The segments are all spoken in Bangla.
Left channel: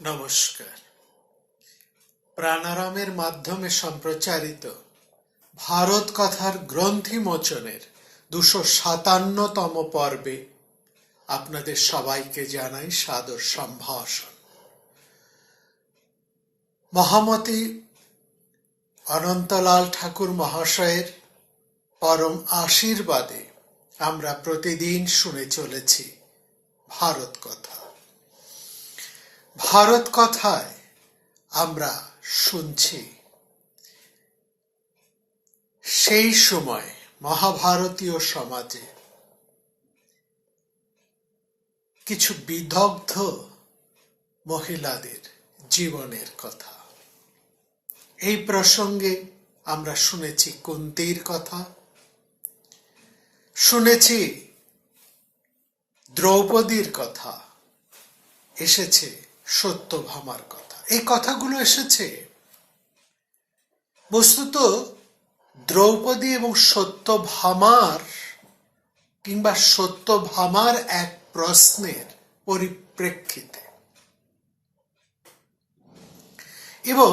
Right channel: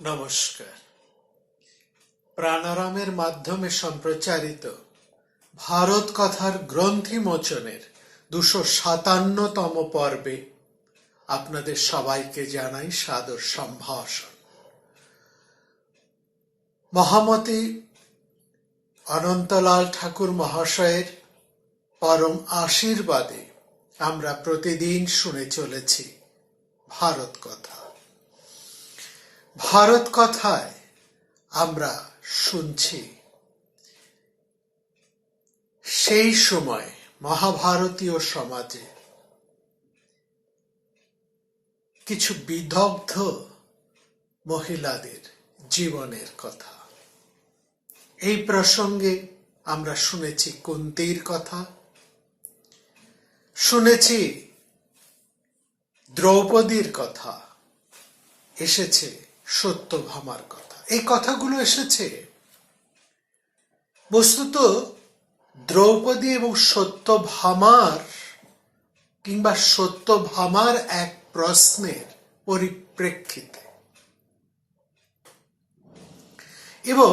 নমস্কার। প্রাণারামের মাধ্যমে সম্প্রচারিত ভারত কথার গ্রন্থি মোচনের 257তম পর্বে আপনাদের সবাইকে জানাই সাদর সম্ভাষণ। মহামতি অনন্তলাল ঠাকুর মহাশয়ের পরম আশীর্বাদে আমরা প্রতিদিন শুনে চলেছি ভারত কথা। ভারত কথায় আমরা শুনছি সেই সময় মহাভারতীয় সমাজে কিছু বিদগ্ধ মহিলাদের জীবনের কথা। এই প্রসঙ্গে আমরা শুনেছি কুন্তির কথা, শুনেছি দ্রৌপদীর কথা, এসেছে সত্যভামার কথা। এই কথাগুলো এসেছে বস্তুত দ্রৌপদী এবং সত্যভামার কিংবা সত্যভামার এক প্রশ্নের পরিপ্রেক্ষিতে, এবং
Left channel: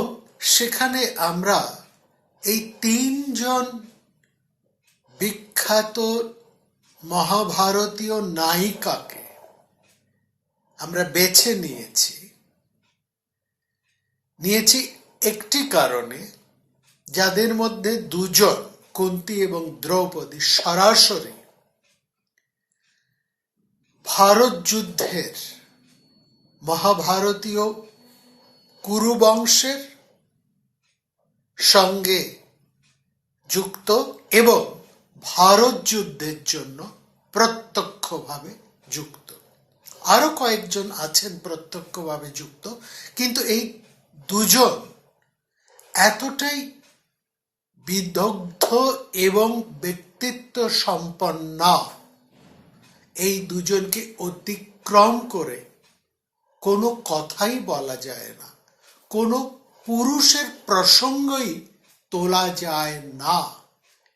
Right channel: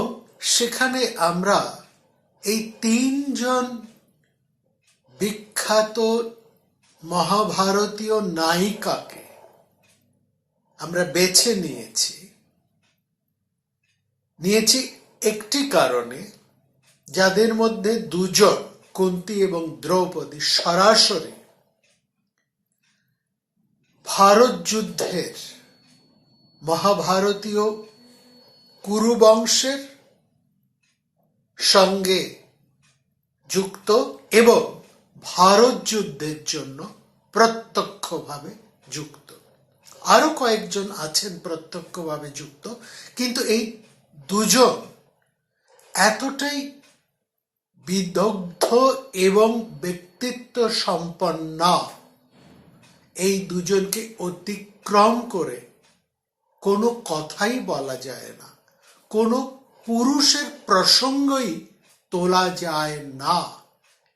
সেখানে আমরা এই তিনজন বিখ্যাত মহাভারতীয় নায়িকাকে আমরা বেছে নিয়েছি একটি কারণে, যাদের মধ্যে দুজন কুন্তী এবং দ্রৌপদী সরাসরি ভারত যুদ্ধের মহাভারতীয় কুরু বংশের সঙ্গে যুক্ত এবং ভারত যুদ্ধের জন্য প্রত্যক্ষভাবে যুক্ত। আরো কয়েকজন আছেন প্রত্যক্ষভাবে যুক্ত, কিন্তু এই দুজন এতটাই বিদগ্ধ এবং ব্যক্তিত্ব সম্পন্ন, এই দুজনকে অতিক্রম করে কোনো কথাই বলা যায় না, কোনো পুরুষের প্রসঙ্গই তোলা যায় না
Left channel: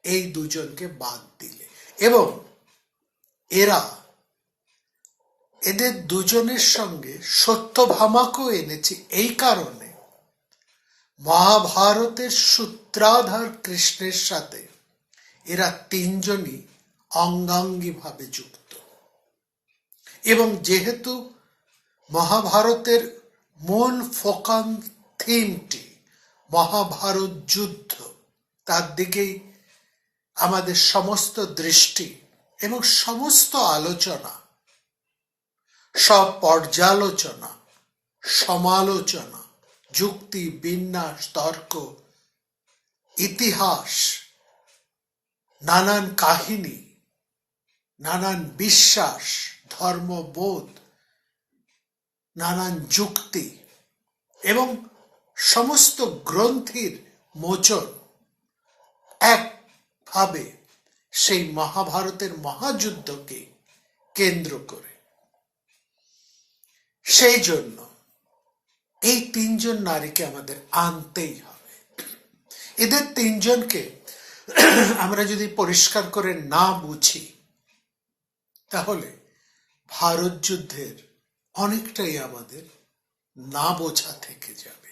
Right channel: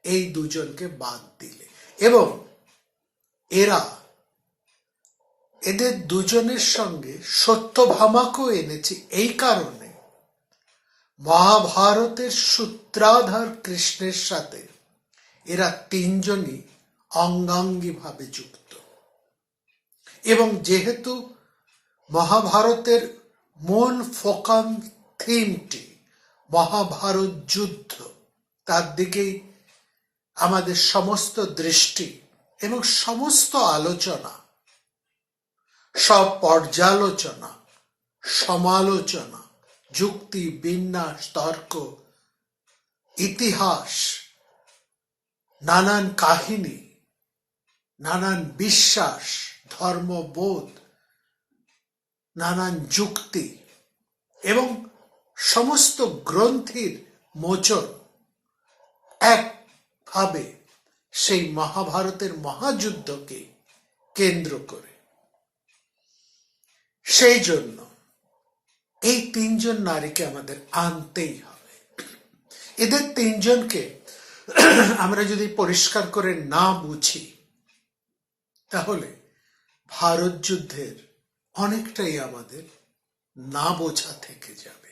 এই দুজনকে বাদ দিলে। এবং এদের দুজনের সঙ্গে সত্যভামাকেও এনেছি এই কারণে, মহাভারতের সূত্রাধার কৃষ্ণের সাথে এরা তিনজনই অঙ্গাঙ্গিভাবে যুক্ত। এবং যেহেতু মহাভারতের মূল ফোকাম থিমটি মহাভারত যুদ্ধ, তার দিকেই আমাদের সমস্ত দৃষ্টি এবং সমস্ত আলোচনা, সব পর্যালোচনা, সমালোচনা, যুক্তি, বিন্যাস, তর্ক, ইতিহাস, নানান কাহিনী, নানান বিশ্বাস, ধর্মবোধ, নানান যুক্তি এবং সমস্ত গ্রন্থির মোচন একভাবে সেই মহাভারতের মহাযুদ্ধকে কেন্দ্র করে। সেই জন্য এই তিনজন নারীকে আমাদের আনতেই হবে। এদের তিনজনকে আমরা যদি পরিষ্কার করে না বুঝি, তাহলে ভারত যুদ্ধের অনেকটাই আমাদের না বোঝা থেকে যাবে।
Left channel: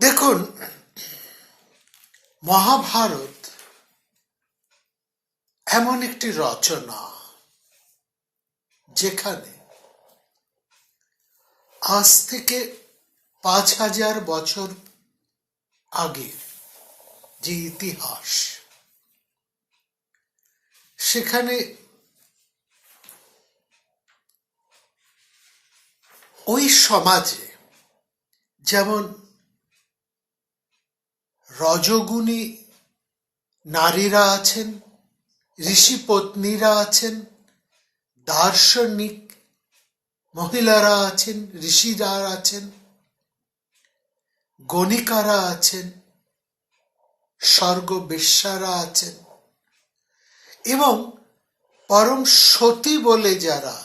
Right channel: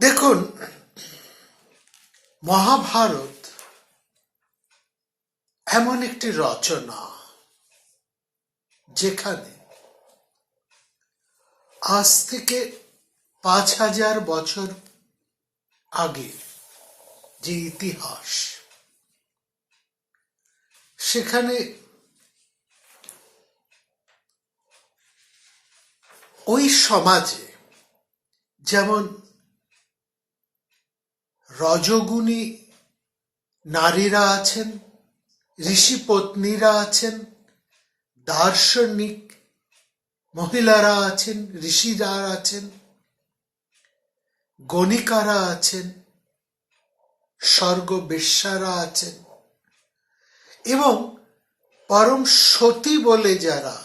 দেখুন, মহাভারত এমন একটি রচনা যেখানে আজ থেকে 5000 বছর আগে যে ইতিহাস, সেখানে ওই সমাজে যেমন রজগুণী নারীরা আছেন, ঋষি পত্নীরা আছেন, দার্শনিক মহিলারা আছেন, ঋষিরা আছেন, গণিকারা আছেন, স্বর্গবেশ্যারা আছেন, এবং পরম সতী বলে যারা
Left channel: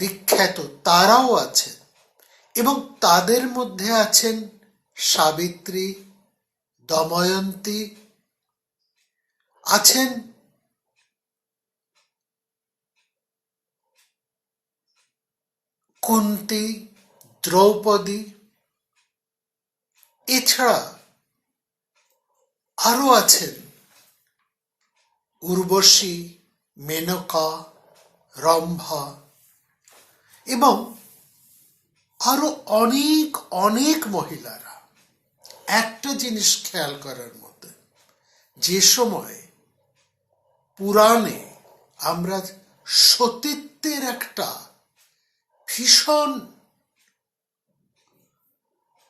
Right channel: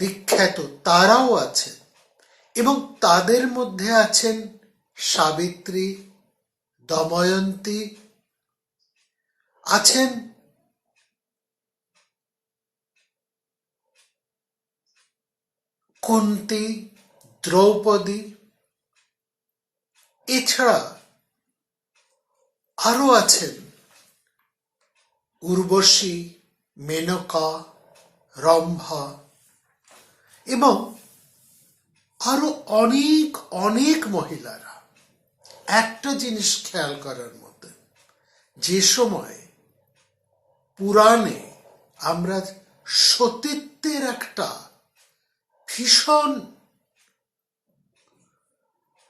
বিখ্যাত তারাও আছেন। এবং তাদের মধ্যে আছেন সাবিত্রী, দময়ন্তী, আছেন কুন্তী, দ্রৌপদী, এছাড়া আরো আছেন উর্বশী, মেনকা, রম্ভা এবং আরো অনেক অনেক মহিলারা। একটা জিনিস খেয়াল করার মতো, যে সময় পুরাণে আমরা সতীত্বের একটা ভীষণ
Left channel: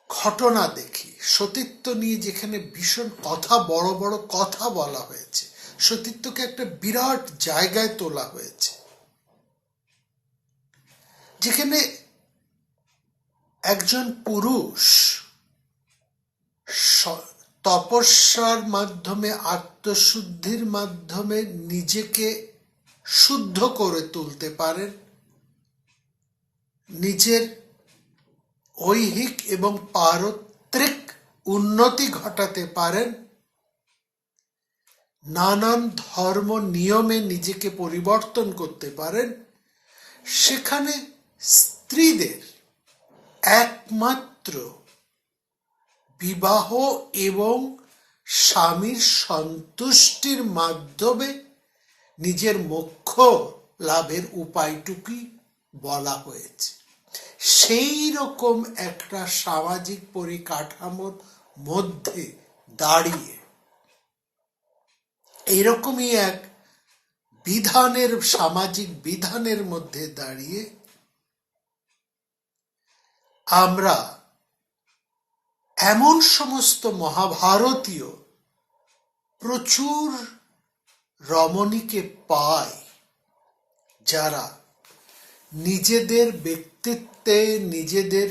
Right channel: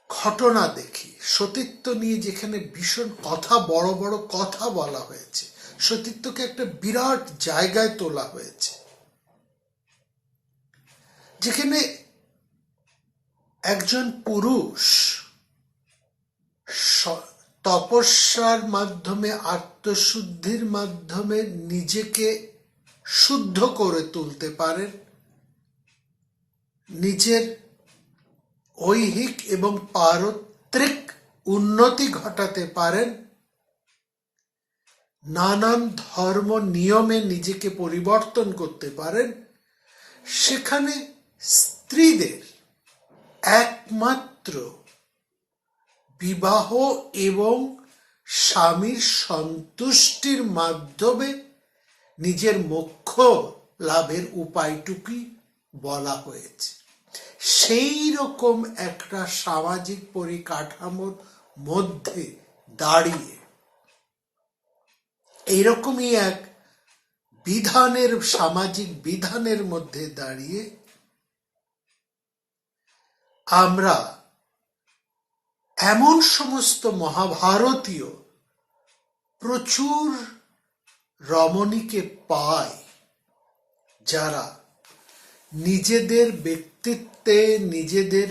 ঘটনা দেখি, সতীত্ব নিয়ে যেখানে ভীষণ কথা, বড় বড় কথা বলা হয়েছে, সতীত্বকে একটা বিরাট জায়গায় তোলা হয়েছে, যেখানে একজন পুরুষ তপস্যার মাধ্যমে, আত্মশুদ্ধির মাধ্যমে নিজেকে শুদ্ধ করে তুলতে পারেন, নিজের ঐহিক এবং পারত্রিক উন্নতি ঘটাতে পারেন, নানান ধর্ম নিয়মে নিজেকে পরিবর্তন করতে পারেন। সেখানে স্ত্রীদের একমাত্র বিবাহ এবং স্বামীর সন্তুষ্টির মাধ্যমে নিজের মোক্ষ লাভের উপায়টুকুই বলা হয়েছে। সেই রকম একটা সামাজিক পরিকাঠামোর মধ্যে দাঁড়িয়ে, এইরকমই এক বিধানের, সামাজিক বিধানের মধ্যে দাঁড়িয়ে আমরা এমন সমস্ত মহাভারতীয় প্রচুর রমণীকে পাই, যারা নিজেদের ব্যক্তিত্বে, নিজেদের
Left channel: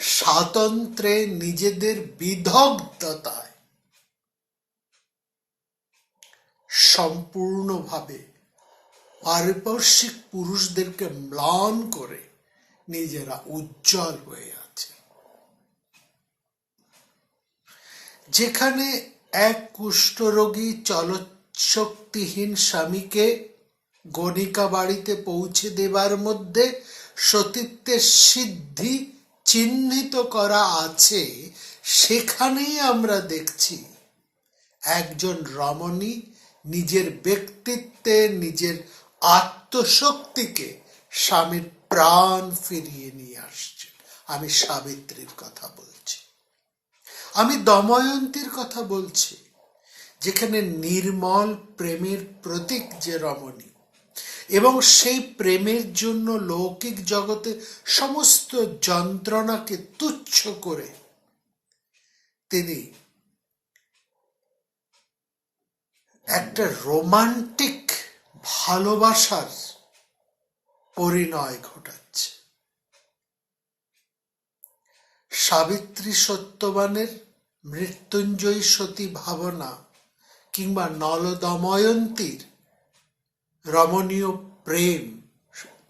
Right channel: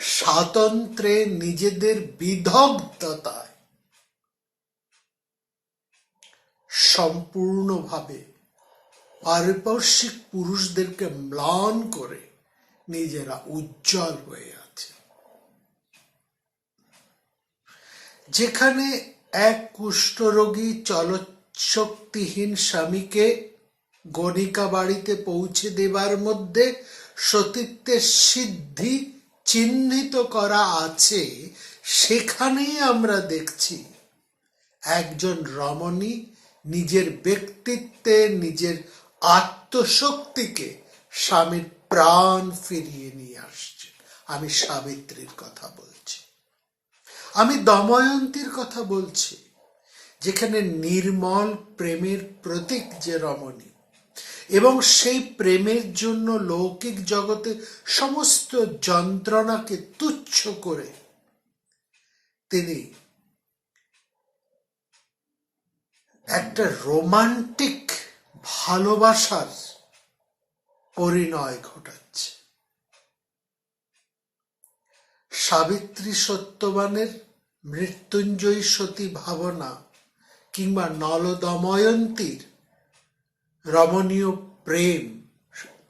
স্বাতন্ত্র্যে, নিজেদের বিদগ্ধতায় সম্পূর্ণভাবে পারিপার্শ্বিক পুরুষদেরকে ম্লান করে নিজেরা উজ্জ্বল হয়ে আছে। যেখানে এক কুষ্ঠরোগী চলশক্তিহীন স্বামীকে গণিকা বাড়িতে পৌঁছে দেবার মধ্যে সতীত্বের সিদ্ধি চিহ্নিত করা আছে, সেখানেই আমরা দেখছি একজন রমণী নিজের ব্যক্তিত্বে, নিজের আত্মশক্তিকে স্বামীর প্রাণ ফিরিয়ে নিয়ে আসছে। আমি সাবিত্রীর কথা বলছি, আমি দময়ন্তীর কথা বলছি, যেখানে নির্মল প্রেমের প্রতীক যে রমণী, এবং সেই প্রেমের জন্য লৌকিক জগতে সমস্ত যন্ত্রণাকে তুচ্ছ করে তিনি একটা রোমান্টিক ভালোবাসার পরিণয় ঘটাচ্ছে। সাবিত্রী সত্যবানের মৃত্যুঞ্জয়ী সতী ভাবনা কিংবা নল দময়ন্তীর রমণীয় প্রেম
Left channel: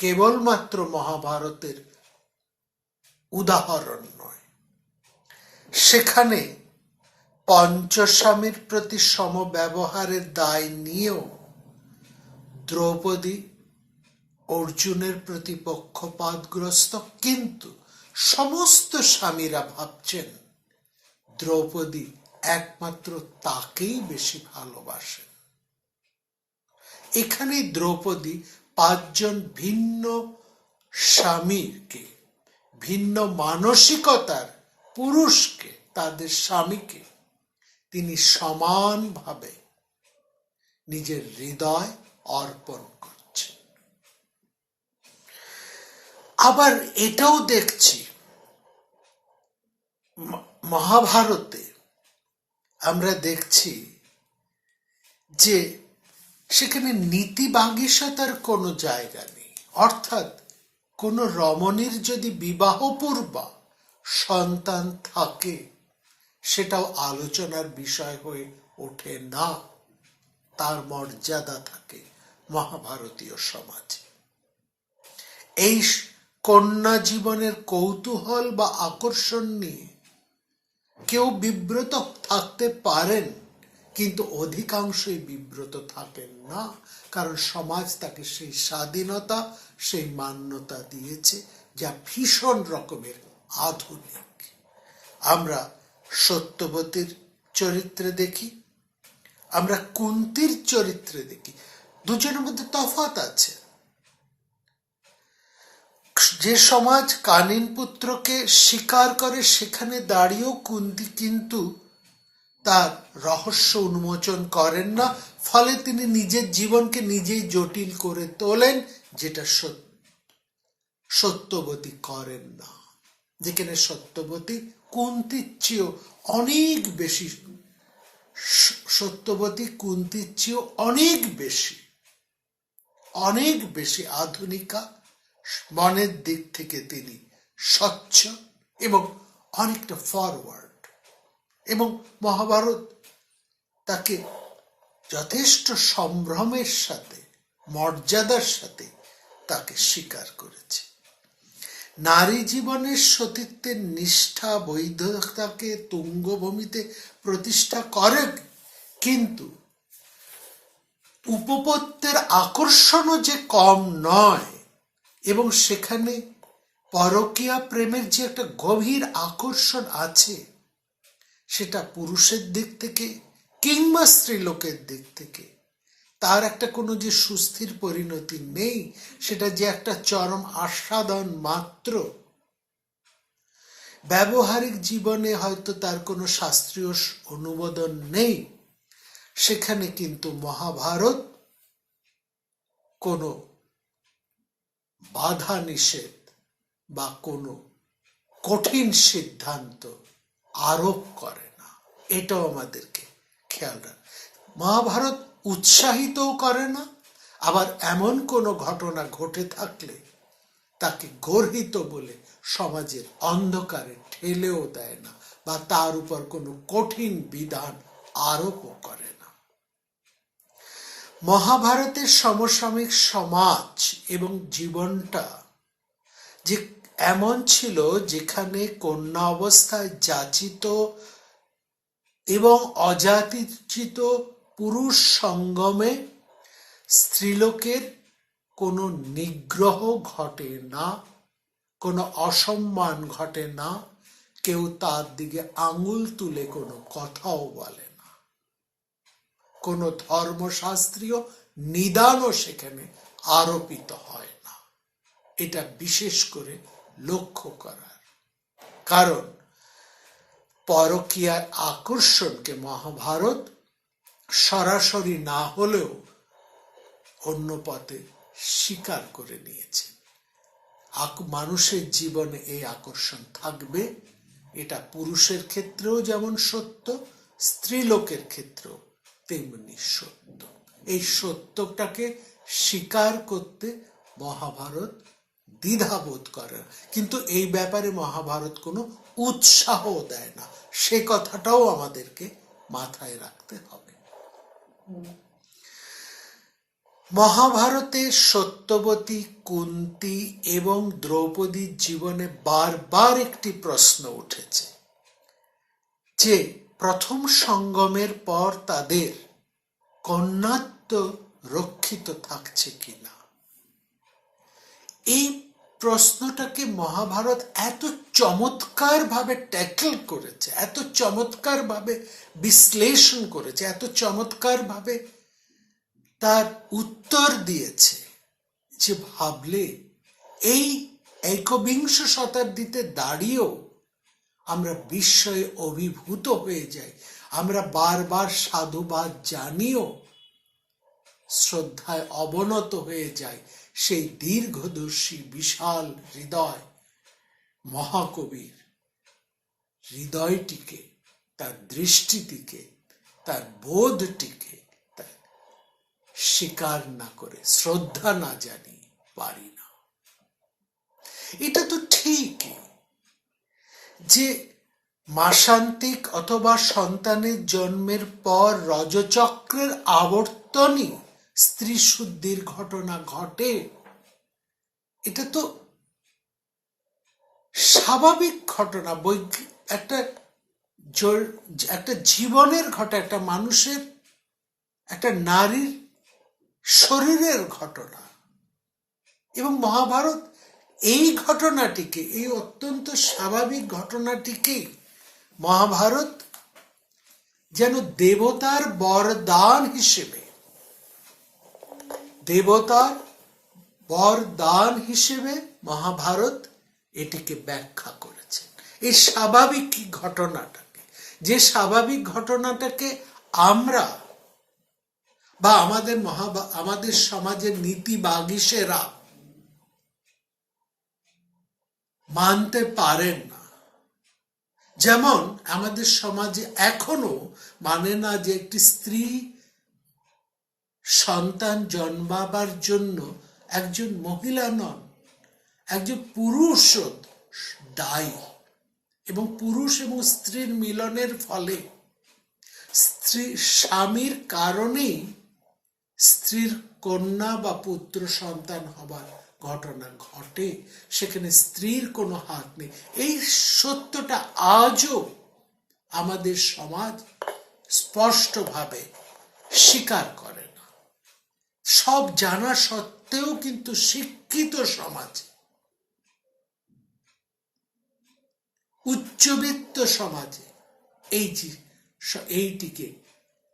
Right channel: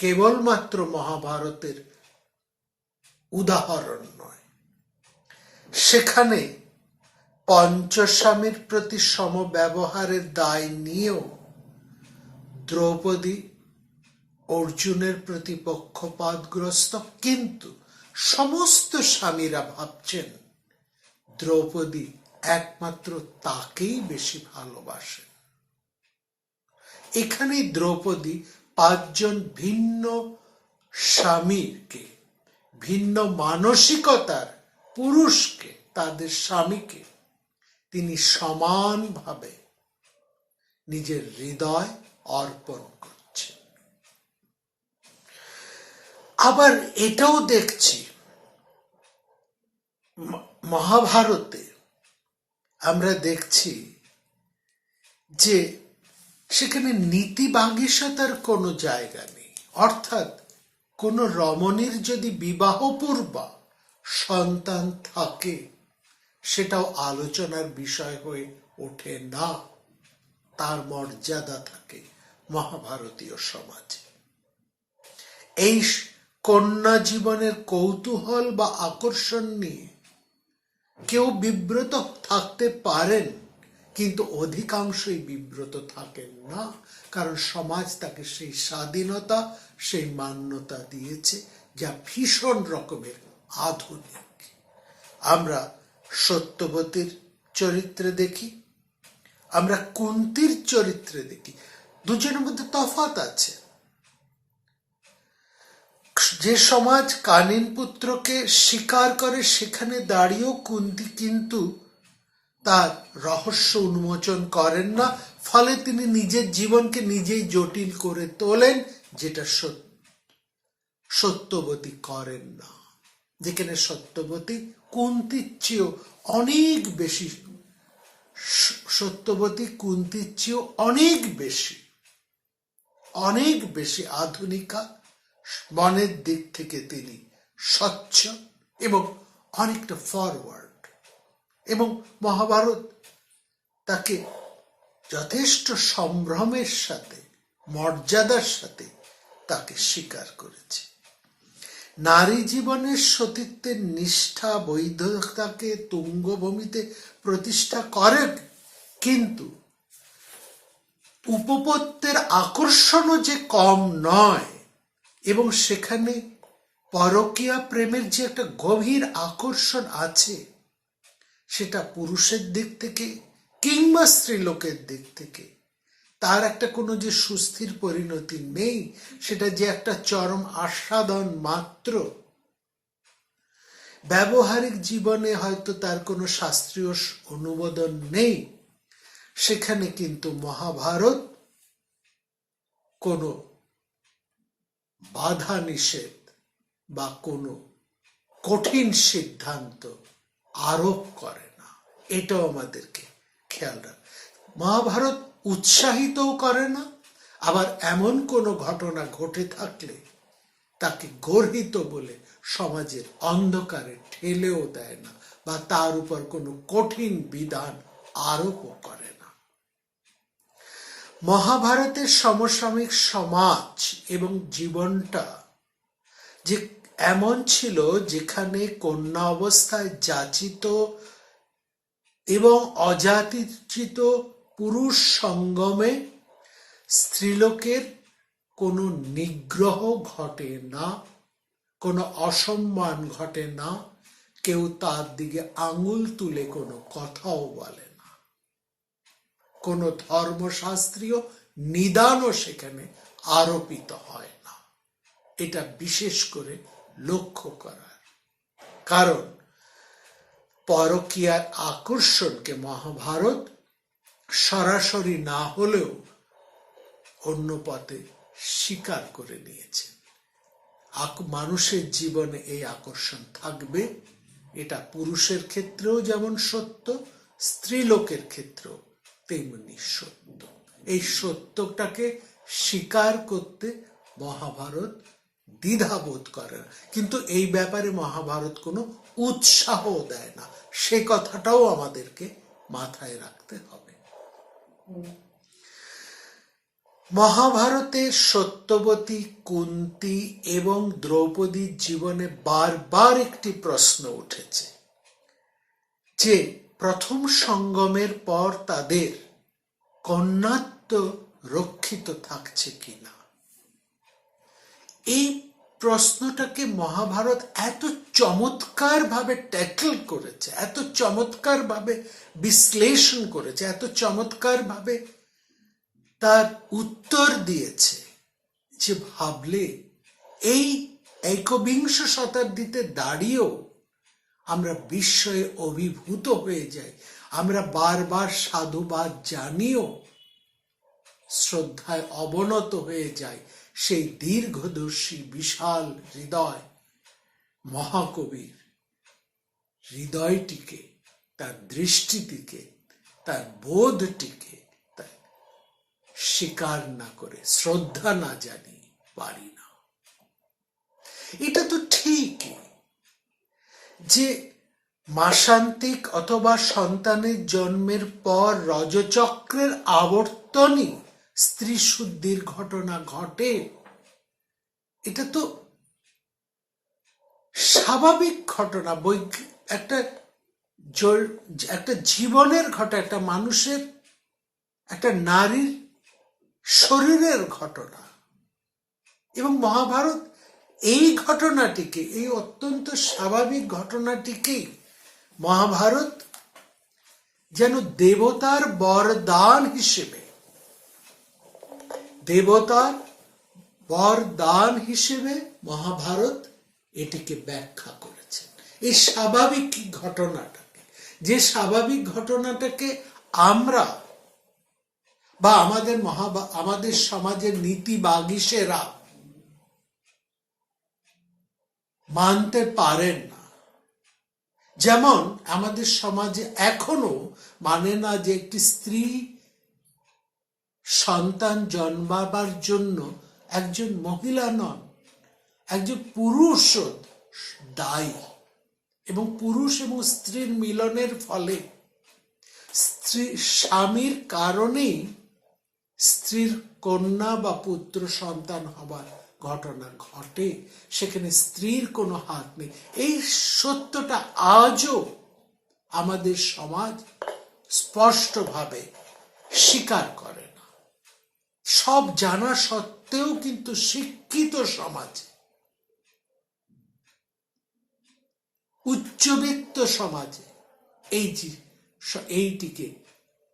কেবলমাত্র মহাভারতের উদাহরণ নয়, সেখানে পঞ্চস্বামীর প্রতি সমব্যবহারের দায় নিয়েও দ্রৌপদী অর্জুনের প্রতি পক্ষপাতগ্রস্ত, কিন্তু সমস্ত স্বামীরা ভাবছেন দ্রৌপদী একমাত্র তাকেই বেশি ভালোবাসে। এখানে দ্রৌপদী পাঁচজন ভিন্ন স্বামীকে, ভিন্ন মানসিকতার পুরুষকে, তাদের স্বামীকে তিনি সমানভাবে নিজের হৃদয় অর্পণ করছে। আবার এটাও দেখছি মহাভারতে, আমরা দেখছি যে সেখানে নীতিবাগীশতার কোনো জায়গা নেই। অর্থাৎ কোন রমণীর যদি বিবাহপূর্বা সন্তান থাকে, সেটাও আলোচনার বিষয় হয়ে ওঠে না, তার মর্যাদা থাকে মহাভারতীয় সমাজে। এই কন্যা জীবনের কৌতূহল বা আকর্ষণ নিয়ে কেউ বিব্রত থাকতে পারেন, কিন্তু অধিকাংশই বিব্রত থাকেন না, কারণ সমাজ তাকে সেই স্বাধীনতা, সেই মান্যতা দিয়েছে যা ভীষণ রকমের আধুনিক। আমরা সত্যবতীর চরিত্রে দেখি, আমরা কুন্তির চরিত্রে দেখি, দুজনের মধ্যে তফাৎ আছে। যে সমাজ কানিন পুত্রকে স্বীকার করে সেখানে দাঁড়িয়েও কুন্তি কিন্তু তার রহস্য উন্মোচন করেন না, ফলে তিনি নিজের জীবনকে নিজেই জটিল করে তোলেন, যেটা সত্যবতী করেন না। যেখানে সত্যবতী কুন্তির চেয়েও অনেক বেশি, সত্যবতী কুন্তির চেয়েও অনেক বেশি আধুনিকা, মনের দিক থেকে তিনি স্বচ্ছ এবং অনেকটা ফরওয়ার্ড, এবং মহাভারত তাকে যথেষ্ট সম্ভ্রমের সাথে, মর্যাদার সাথে তাকে স্বীকার করেছে। নারী জীবনের সতীত্বের নিষ্ঠা, বৈধতাকে তুঙ্গভূমিতে প্রতিষ্ঠা করে, কিন্তু উপপত্যের আকর্ষণও যে কম নয়, এবং সেখানে পরকীয়া প্রেমের যে একটা গভীর আকর্ষণ আছে, সেটা পুরুষের দিক থেকে কিংবা স্ত্রীলোকের দিক থেকে তার একটা কোনো যে সুস্থির পরিণতি নেই, সেটা যে একটা চরম আস্বাদন মাত্র। ব্যবহারিক জীবনে হয়তো তার কোনো শাস্ত্রীয় অনুমোদন নেই, সেখানে কিন্তু মহাভারত কোনো বাধা নিষেধ বা কোনো কঠিন সিদ্ধান্ত আরোপ করে না। এটাও আমাদেরকে খেয়াল রাখ। মহাভারত উৎসাহিতও করে না, আবার এমন কোনো ঘটনা ঘটে থাকলে তাকে গর্হিত বলে সমাজের অন্ধকারে ঠেলেও দেয় না, বা তার উপর কোনো কঠিন বিধান আরোপও করে না। মহাভারতের সমসাময়িক সমাজ এবং জীবনটা যে এমন ছিল, যেখানে কন্যা অবস্থায় যাচিত এবং অযাচিত পুরুষ সঙ্গমে স্ত্রীলোকের কোনো নিগ্রহ ঘটে না, কোনো অসম্মান ঘটে না, কেউ তার দিকে আঙুল তুলে কোনো কথাও বলে না, কোনো ধর্মশাস্ত্রীয় নিদানও সেখানে আরোপিত হয় না। এটা বিশেষ করে লক্ষ্য করার কারণ, পরকীয়ার আকর্ষণকে মহাভারত সরাসরি না হলেও অন্য পথে স্বীকার করে নিয়েছে। মানুষের জীবনে এই আকর্ষণ থাকবে, এটা পুরুষের ক্ষেত্রেও যেমন সত্য, স্ত্রীলোকের ক্ষেত্রেও তেমনি সত্য। এই সত্যটাকে স্বীকার করতে মহাভারত দ্বিধাবোধ করে, কিন্তু এই ব্যাপারে মহাভারত কোনো উৎসাহ দেয় না, সে কথাটাও আমাদেরকে মাথায় রাখতে হবে। মহাভারতে সত্যবতী, কুন্তী এবং দ্রৌপদীর জীবনে বারবার একটি প্রশ্ন উঠেছে যে প্রথম সঙ্গমের পর তাদের কন্যাত্ব রক্ষিত থাকছে কিনা। এই প্রশ্নটাকে মহাভারত এত চমৎকার ভাবে ট্যাকল করেছে, এত চমৎকার ভাবে বিশ্লেষণ করেছে, এত চমৎকার ভাবে তার উত্তর দিয়েছে, যে ভাবলে এই একবিংশ শতাব্দীতে দাঁড়িয়েও আমরা বিস্ময়ে অভিভূত হয়ে যাই। আমরা বারবার সাধুবাদ জানিও শ্রদ্ধায় অবনত হয়ে যাই সেই দীর্ঘদর্শী বিশাল হৃদয় মহাকবির হৃদয়টিকে, তার দৃষ্টিটিকে, তার বোধটিকে স্বীকার না করে, শ্রদ্ধা না জানি পারি না। এটা তো ঠিকই যে মাসান্তিক অথবা সন্তানের জন্মের পর রজচক্রের আবর্তনই স্ত্রী শুদ্ধির ঘটনা ঘটে, এটা তো স্বাভাবিক ঘটনা। একটা একটা জীবনের ঘটনা, একটা মানুষের, একটা নারীর শরীরের ঘটনা। এবং মহাভারত এই ঘটনাটিকে, এই অত্যন্ত স্বাভাবিক ঘটনাটিকে মহাভারত যেন দেবতার বরদান হিসেবে, দেবতার বরদান হিসেবে মহাভারত এটিকে ব্যাখ্যা করেছে। এই স্বাভাবিক ঘটনাটাকে, যে স্বাভাবিক ঘটনাটাকে আমরা বা আমাদের সমাজের নীতিবাগীশেরা মানতে পারেন না। যেমন আমাদের সমাজে এখনো মানে না যে একটি স্ত্রী সন্তান জন্মাবার জন্য একজন মহিলা নন, একজন পুরুষ দায়ী। এবং পুরুষ এবং স্ত্রীর মিলনের ফলে স্বামীর কারণেই স্ত্রীর কন্যা বা পুত্র সন্তান হবার ঘটনা ঘটে, সেখানে স্ত্রীর কোনো হাত নেই। এই সত্যটা আজও আমাদের সমাজ স্পষ্টভাবে স্বীকার করে না। সব জানা সত্ত্বেও কিন্তু শিক্ষিত সমাজে, উচ্চবিত্ত সমাজে এইটিকে,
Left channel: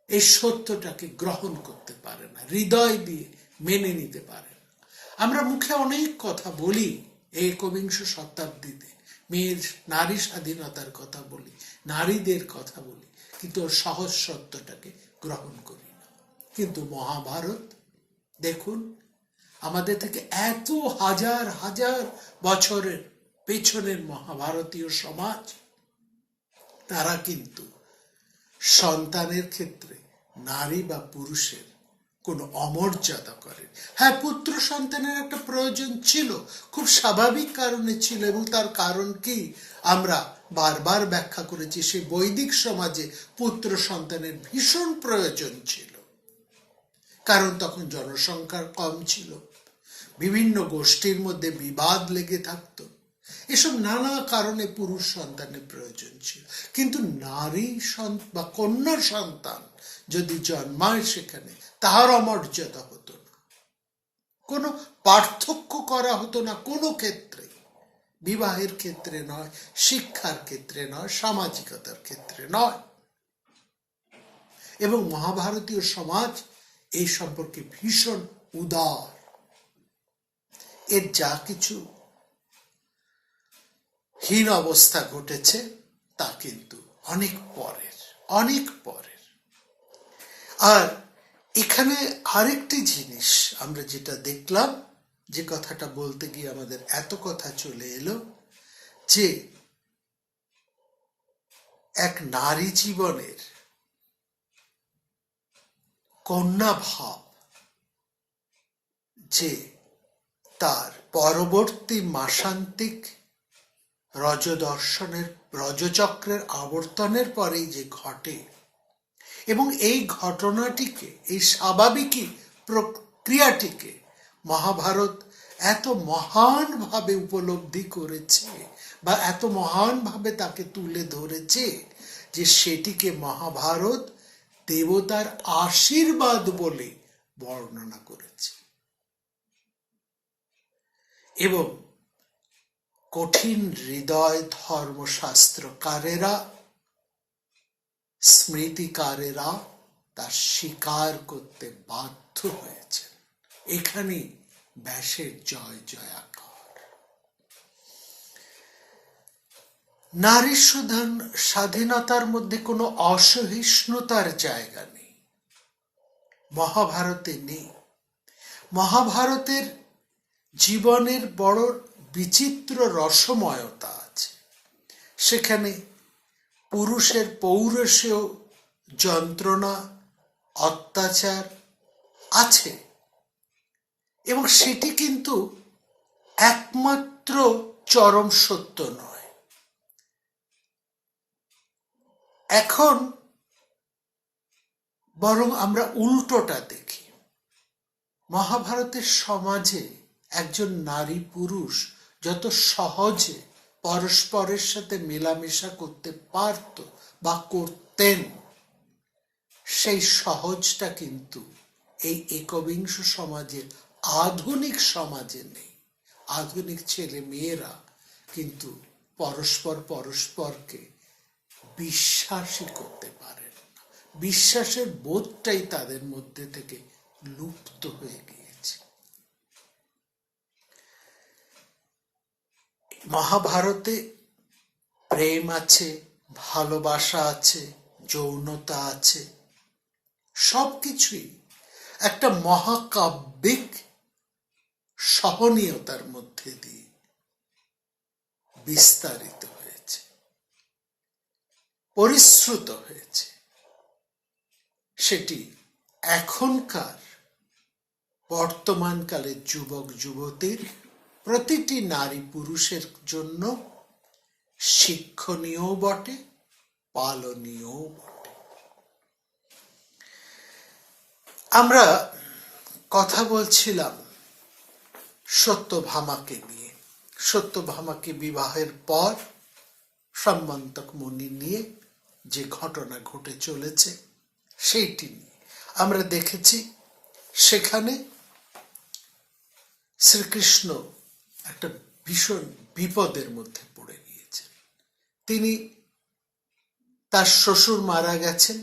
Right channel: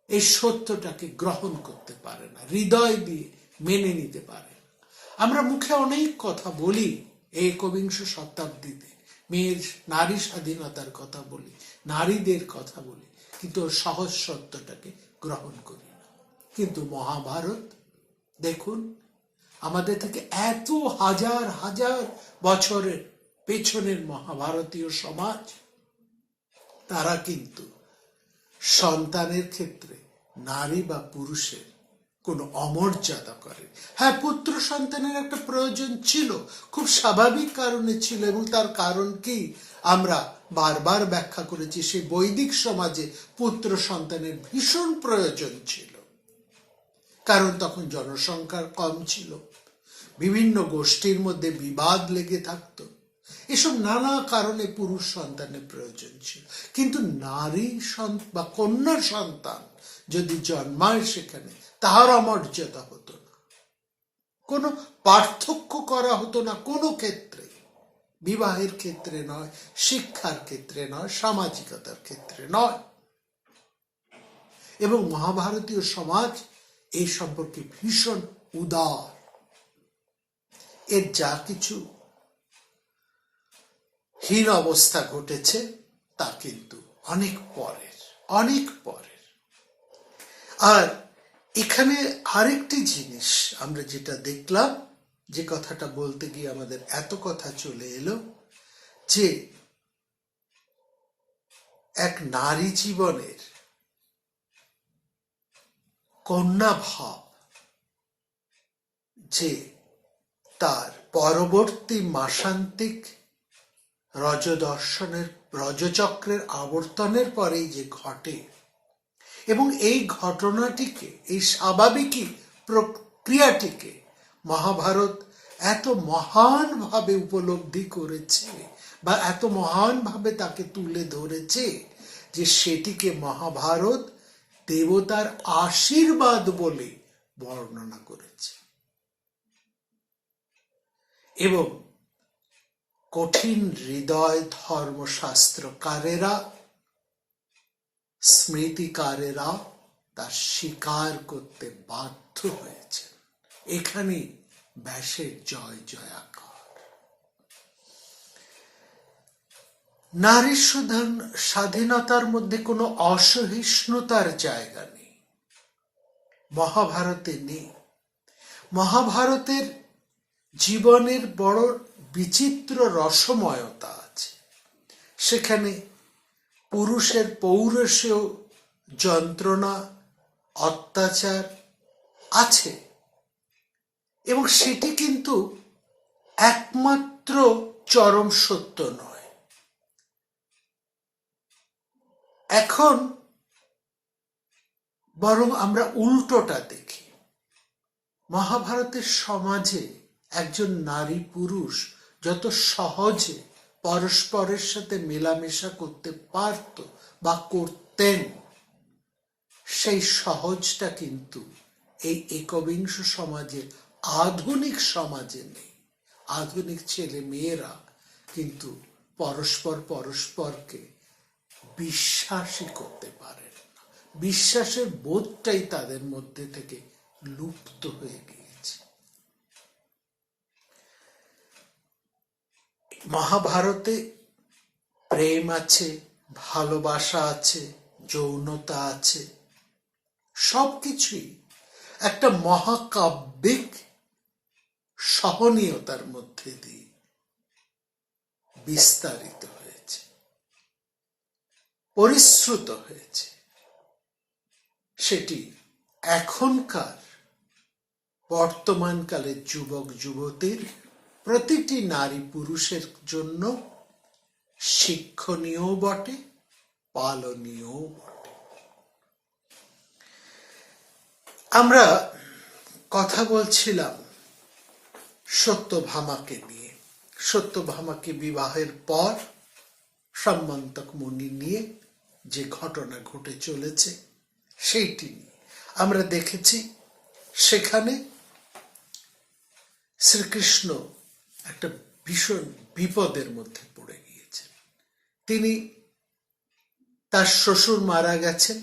এই সত্যটাকে গ্রহণ করতে পারে না, হৃদয় দিয়ে মেনে নিতে পারে না। আমরা মুখে অনেক কথা বলি, একবিংশ শতাব্দীতে নারী স্বাধীনতার কথা বলি, নারীদের কথা বলি, কিন্তু সহজ সত্যটাকে গ্রহণ করি না। কিন্তু মহাভারত দেখুন, আমাদের থেকে এত হাজার হাজার বছরের পেছনের মহাভারতীয় সমাজ, তারা কিন্তু সন্তানের ক্ষেত্রে নারী বা পুরুষের কোনো অমর্যাদা করে। হ্যাঁ, পুত্র সন্তানের একটা প্রয়োজন ছিল, খুব স্বাভাবিক কারণে ছিল, এবং তার কারণ কি আমরা বারবার ব্যাখ্যা করেছি। সেই বৈদিক সমাজে পুত্র সন্তানের ভীষণ প্রয়োজন ছিল, কারণ তখন জনসংখ্যা কম ছিল, বিভিন্ন গোষ্ঠীর মধ্যে বিবাদ লেগে থাকতো, এসব নানা কারণে পুরুষ সন্তানের প্রয়োজন ছিল। কিন্তু নারী বা কন্যা সন্তান যদি জন্মায়, সেখানে তাহার অমর্যাদা হতো না, কোনো পার্থক্য করা হতো না কোনো ক্ষেত্রে, বিবাহের ক্ষেত্রে নয়, শিক্ষার ক্ষেত্রে নয়, সামাজিকতার ক্ষেত্রে নয়। এবং মহাভারতীয় সমাজ এই সম্পর্কে ভীষণ উদার। এর যা কিছু হীন অবস্থা ঘটেছে তা কিন্তু অনেক পরের। আর এখানে আরেকটি জিনিস আমরা যেটা দেখলাম, যে কথাটা বলতে গিয়ে আমাদের এত কথা চলে এলো, যে এক নারী জীবনের কন্যা ভাব যে তার পরবর্তী মাসান্তিক রজচক্রের আবর্তনের পরেই যে ঘটে, এবং এই ঘটনাটিকে, এই স্বাভাবিকই প্রক্রিয়াটিকে মহাভারত এত মহানভাবে উপলব্ধি করেছে বা এত মহানভাবে তাকে তুলে ধরেছে, যে সেটিকে মহাভারত দেবতার আশীর্বাদ বলে বর্ণনা করেছে। এবং কঠিন হৃদয় ধর্মশাস্ত্রকারেরা, স্মৃতিকারেরা তা স্বীকার করতে বাধ্য হয়েছে। এখানে ব্যাসের জয় জয়াকার। নারী স্বাধীনতার মধ্যে কোনো অসহিষ্ণুতার জায়গা নেই, মহাভারতে নেই। মহাভারতের জীবনের বড় বিচিত্র রসময়তা আছে। সেখানে পুরুষের পৌরুষীয় যন্ত্রণা, অত্যাচার আছে, এবং সেটি কিন্তু একমাত্র চরম সত্য নয়। এখন বরং আমরা উল্টোটা দেখি। মহাভারতের সমাজে একজন নারী পুরুষ যত সহজে পরস্পরের সাথে মেলামেশা করতে পারত বা করতেন, সেই সহজটা কিন্তু এই একবিংশ সমাজে, আধুনিক সমাজে নেই। আধুনিক ছেলে মেয়েরা কিন্তু পরস্পরকে বিশ্বাসই করতে পারে না। বিশ্বাসের বোধটাই তাদের মধ্যে থেকে লুপ্ত হয়ে গিয়েছে। মহাভারতে প্রেম আছে, ভালোবাসা আছে, যৌনতা আছে, সবকিছুই একটা মহাকাব্যিক সহনীয়তার মধ্যে দিয়ে বিস্তারিত হয়েছে, পরিশ্রুত হয়েছে। সেটি এখনকার বর্তমানকালের যুবক যুবতীর, প্রতিটি নারী পুরুষের জন্য শিক্ষণীয় বটে, পালনীয় বটে। আমরা কথা বলছিলাম সত্যভামাকে নিয়ে। সত্যভামাকে বিবাহের পর সম্মন্তক মুনি নিয়ে যে ঘটনা ঘটে চলেছে সেইটি নিয়ে আমরা দেখেছি। সেখানে শ্রীকৃষ্ণ একটা ভীষণ বিপদের মধ্যে পড়ে গিয়েছেন। তিনি, তার শ্বশুর মারা গেছেন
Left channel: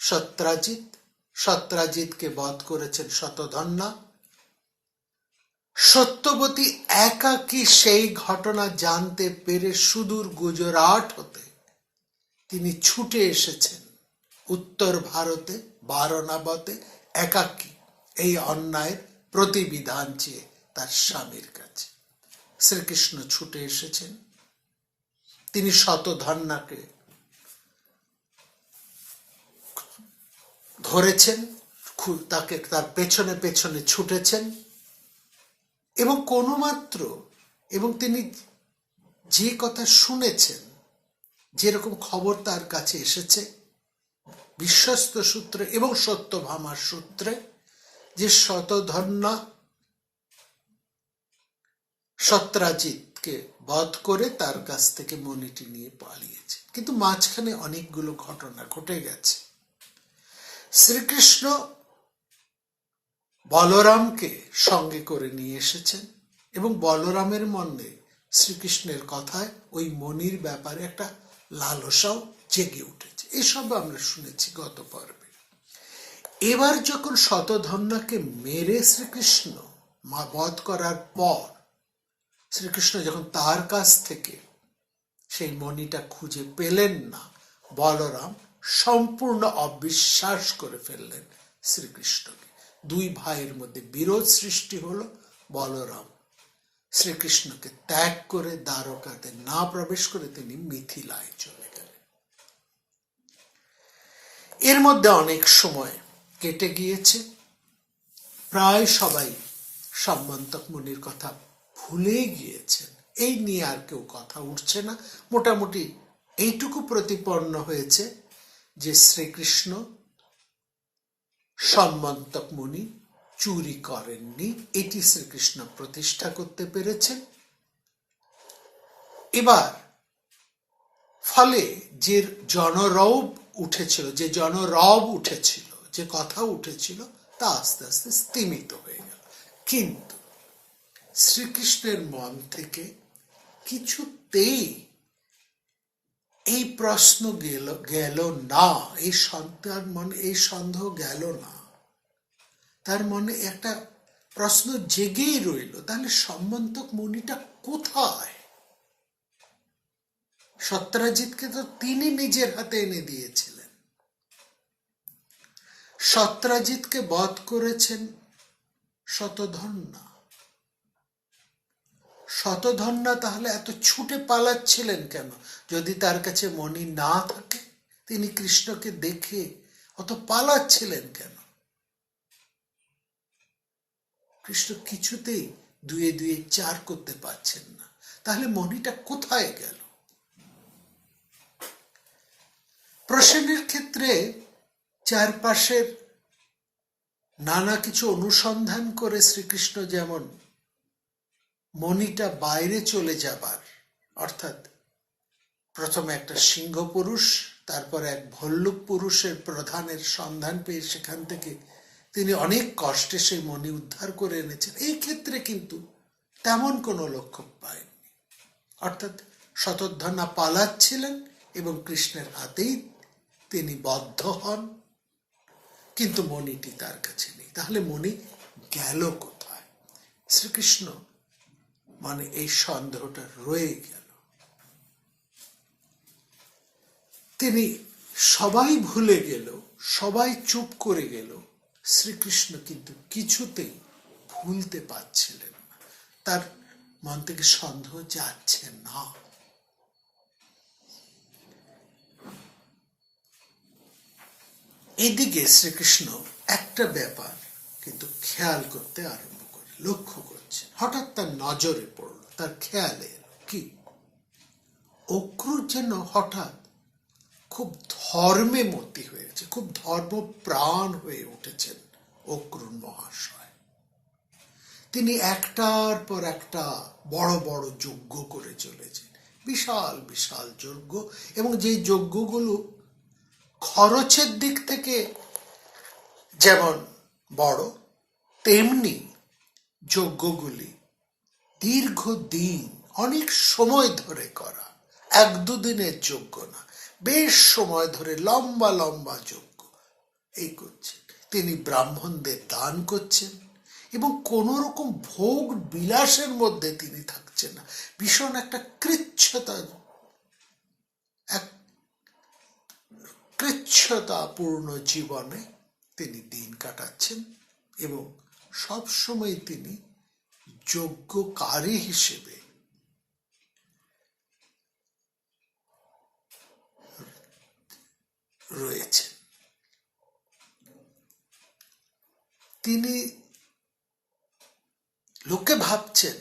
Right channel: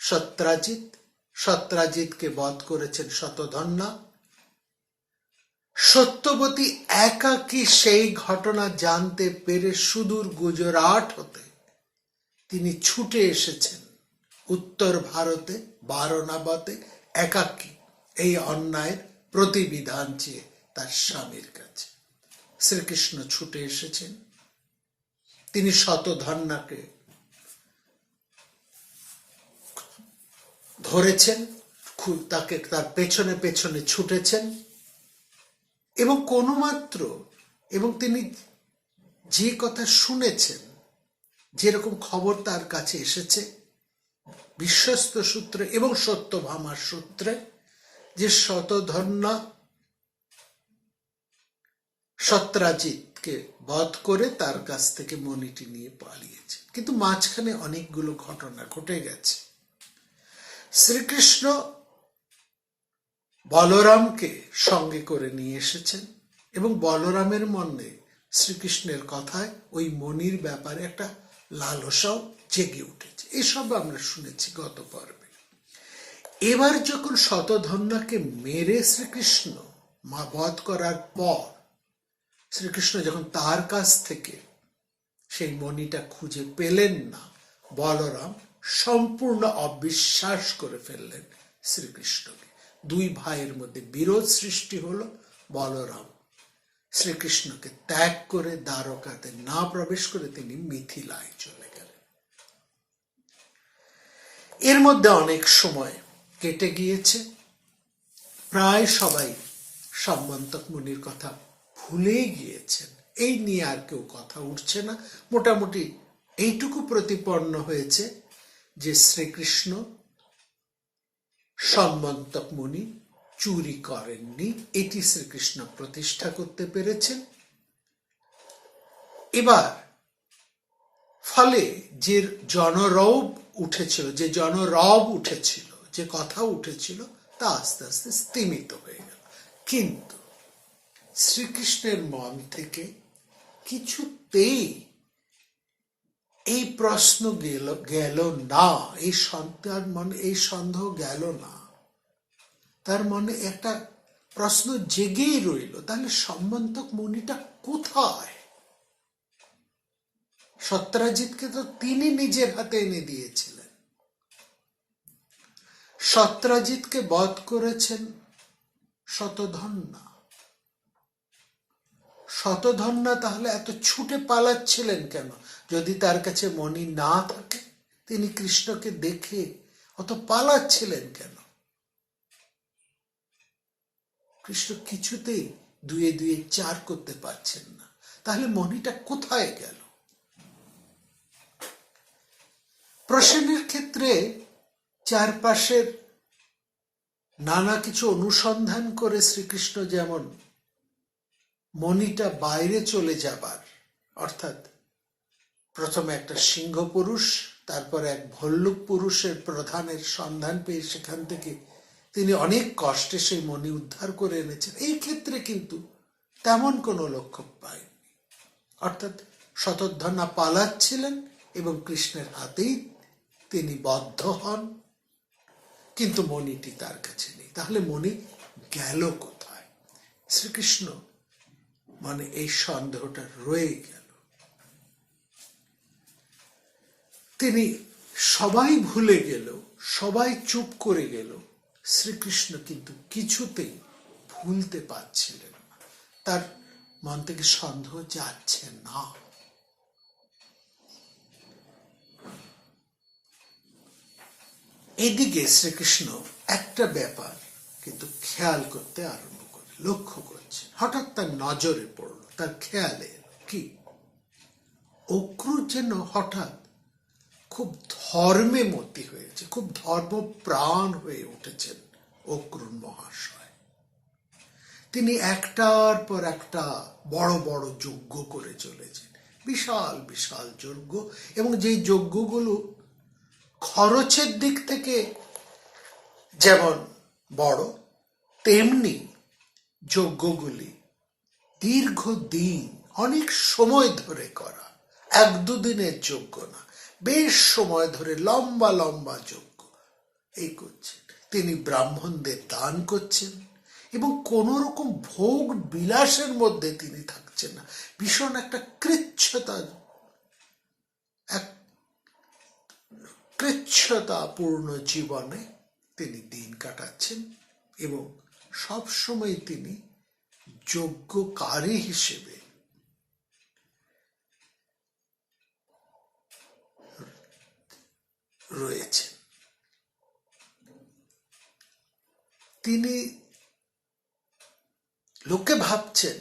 সত্রাজিৎ, সত্রাজিৎকে বধ করেছেন শতধন্বা। সত্যবতী একাকী সেই ঘটনা জানতে পেরে সুদূর গুজরাট হতে তিনি ছুটে এসেছেন উত্তর ভারতে, বারণাবতে, একাকী এই অন্যায়ের প্রতিবিধান চেয়ে তার স্বামীর কাছে। শ্রীকৃষ্ণ ছুটে এসেছেন। তিনি শতধন্বাকে ধরেছেন, তাকে তার পেছনে পেছনে ছুটেছেন এবং এবং তিনি যে কথা শুনেছেন, যেরকম খবর তার কাছে এসেছে বিশ্বস্ত সূত্রে এবং সত্যভামার সূত্রে, যে শতধন্বা সত্রাজিৎকে বধ করে তার কাছ থেকে মণিটি নিয়ে পালিয়েছে। কিন্তু মাঝখানে অনেকগুলো ঘটনা ঘটে গেছে। শ্রীকৃষ্ণ বলরামকে সঙ্গে করে নিয়ে এসেছেন এবং বলরামের মনে শ্রীকৃষ্ণের কথায় ওই মণির ব্যাপারে একটা লালসাও জেগে উঠেছে। এসব আমরা শুনেছি গত পর্বে। এবার যখন শতধন্বাকে মেরে শ্রীকৃষ্ণ বধ করার পর শ্রীকৃষ্ণ যখন তার কাছ থেকে সেই মণিটা খুঁজে পেলেন না, বলরাম সম্পূর্ণ অবিশ্বাস করে ফেললেন শ্রীকৃষ্ণকে। দুই ভাইয়ের মধ্যে বিরোধ সৃষ্টি হলো। বলরাম শ্রীকৃষ্ণকে ত্যাগ করে দ্বারকাতে না প্রবেশ করে তিনি মিথিলায় চলে গেলেন। এর মধ্যে অনেক সময় কেটে গিয়েছে। প্রায় সবাই সম্মন্তক মুনির কথা ভুলে গিয়েছেন। এই নিয়ে আর কেউ কথা উঠছে না। মোটামুটি এইটুকু প্রতিপন্ন হয়েছে যে শ্রীকৃষ্ণ সম্মন্তক মুনি চুরি করেননি, এটি শ্রীকৃষ্ণ প্রতিষ্ঠা করতে পেরেছেন। এবার ফলে যে জনরব উঠেছিল, যে কথা উঠেছিল, তা আস্তে আস্তে স্তিমিত হয়ে গেল। কিন্তু শ্রীকৃষ্ণের মন থেকে কিছুতেই এই প্রশ্ন গেল না, এই সন্দেহ গেল না। তার মনে একটা প্রশ্ন জেগেই রইল, তাহলে সম্মন্তক মুনিটা কোথায়? সত্রাজিৎকে তো তিনি নিজের হাতে এনে দিয়েছিলেন। সত্রাজিৎকে বধ করেছেন শতধন্বা। শতধন্বা তাহলে এত ছুটে পালাচ্ছিলেন কেন? যদি তার কাছে মণি না থাকে, তিনি কৃষ্ণকে দেখে অত পালাচ্ছিলেন কেন? কৃষ্ণ কিছুতেই দুয়ে দুয়ে চার করতে পারছেন না। তাহলে মণিটা কোথায় গেল? প্রশ্নের ক্ষেত্রে চারপাশের নানা কিছু অনুসন্ধান করে শ্রীকৃষ্ণ যেমন মণিটা বাইরে চলে যাবার অর্থাৎ প্রথমে একটা সিংহ পুরুষ, তারপর এক ভল্লুক পুরুষের প্রধানের সন্ধান পেয়ে সেখান থেকে তিনি অনেক কষ্টে সেই মণি উদ্ধার করে এনেছেন। এই ক্ষেত্রে কিন্তু তেমন কোনো লক্ষ্য পায়নি, অর্থাৎ শতধন্বা পালাচ্ছিলেন এবং কৃষ্ণের হাতেই তিনি বদ্ধ হন, কিন্তু মণিটি তার কাছে নেই। তাহলে মণি গেল কোথায়? শ্রীকৃষ্ণ মানে এই সন্দেহটা রয়ে গেল। তিনি সবাই ভুলে গেল, সবাই চুপ করে গেল, শ্রীকৃষ্ণ কিন্তু কিছুতেই ভুলতে পারছিলেন না। তার মন থেকে সন্দেহ যাচ্ছে না। এদিকে শ্রীকৃষ্ণ একটা ব্যাপার কিন্তু খেয়াল করতে আরম্ভ করে, লক্ষ্য করছে। হঠাৎ তার নজরে পড়ল, তার খেয়ালে কি অক্রুর যেন হঠাৎ খুব ধর্মে মতি হয়েছে, খুব ধর্মপ্রাণ হয়ে উঠেছেন অক্রুর মহাশয়। তিনি একটার পর একটা বড় বড় যজ্ঞ করে চলেছেন, বিশাল বিশাল যজ্ঞ, এবং যেই যজ্ঞগুলো খরচের দিক থেকে যেমন বড়, তেমনি যজ্ঞগুলি দীর্ঘদিন অনেক সময় ধরে করা, এক দুদিনের যজ্ঞ না, বেশ সময় ধরে লম্বা লম্বা যজ্ঞ এই করছেন। তিনি ব্রাহ্মণদের দান করছেন এবং কোন রকম ভোগ বিলাসের মধ্যে তিনি থাকছেন না। ভীষণ একটা কৃচ্ছতাপূর্ণ জীবনে তিনি দিন কাটাচ্ছেন এবং সবসময় তিনি যজ্ঞকারী হিসেবে রয়েছে। তিনি লোকে ভাবছেন,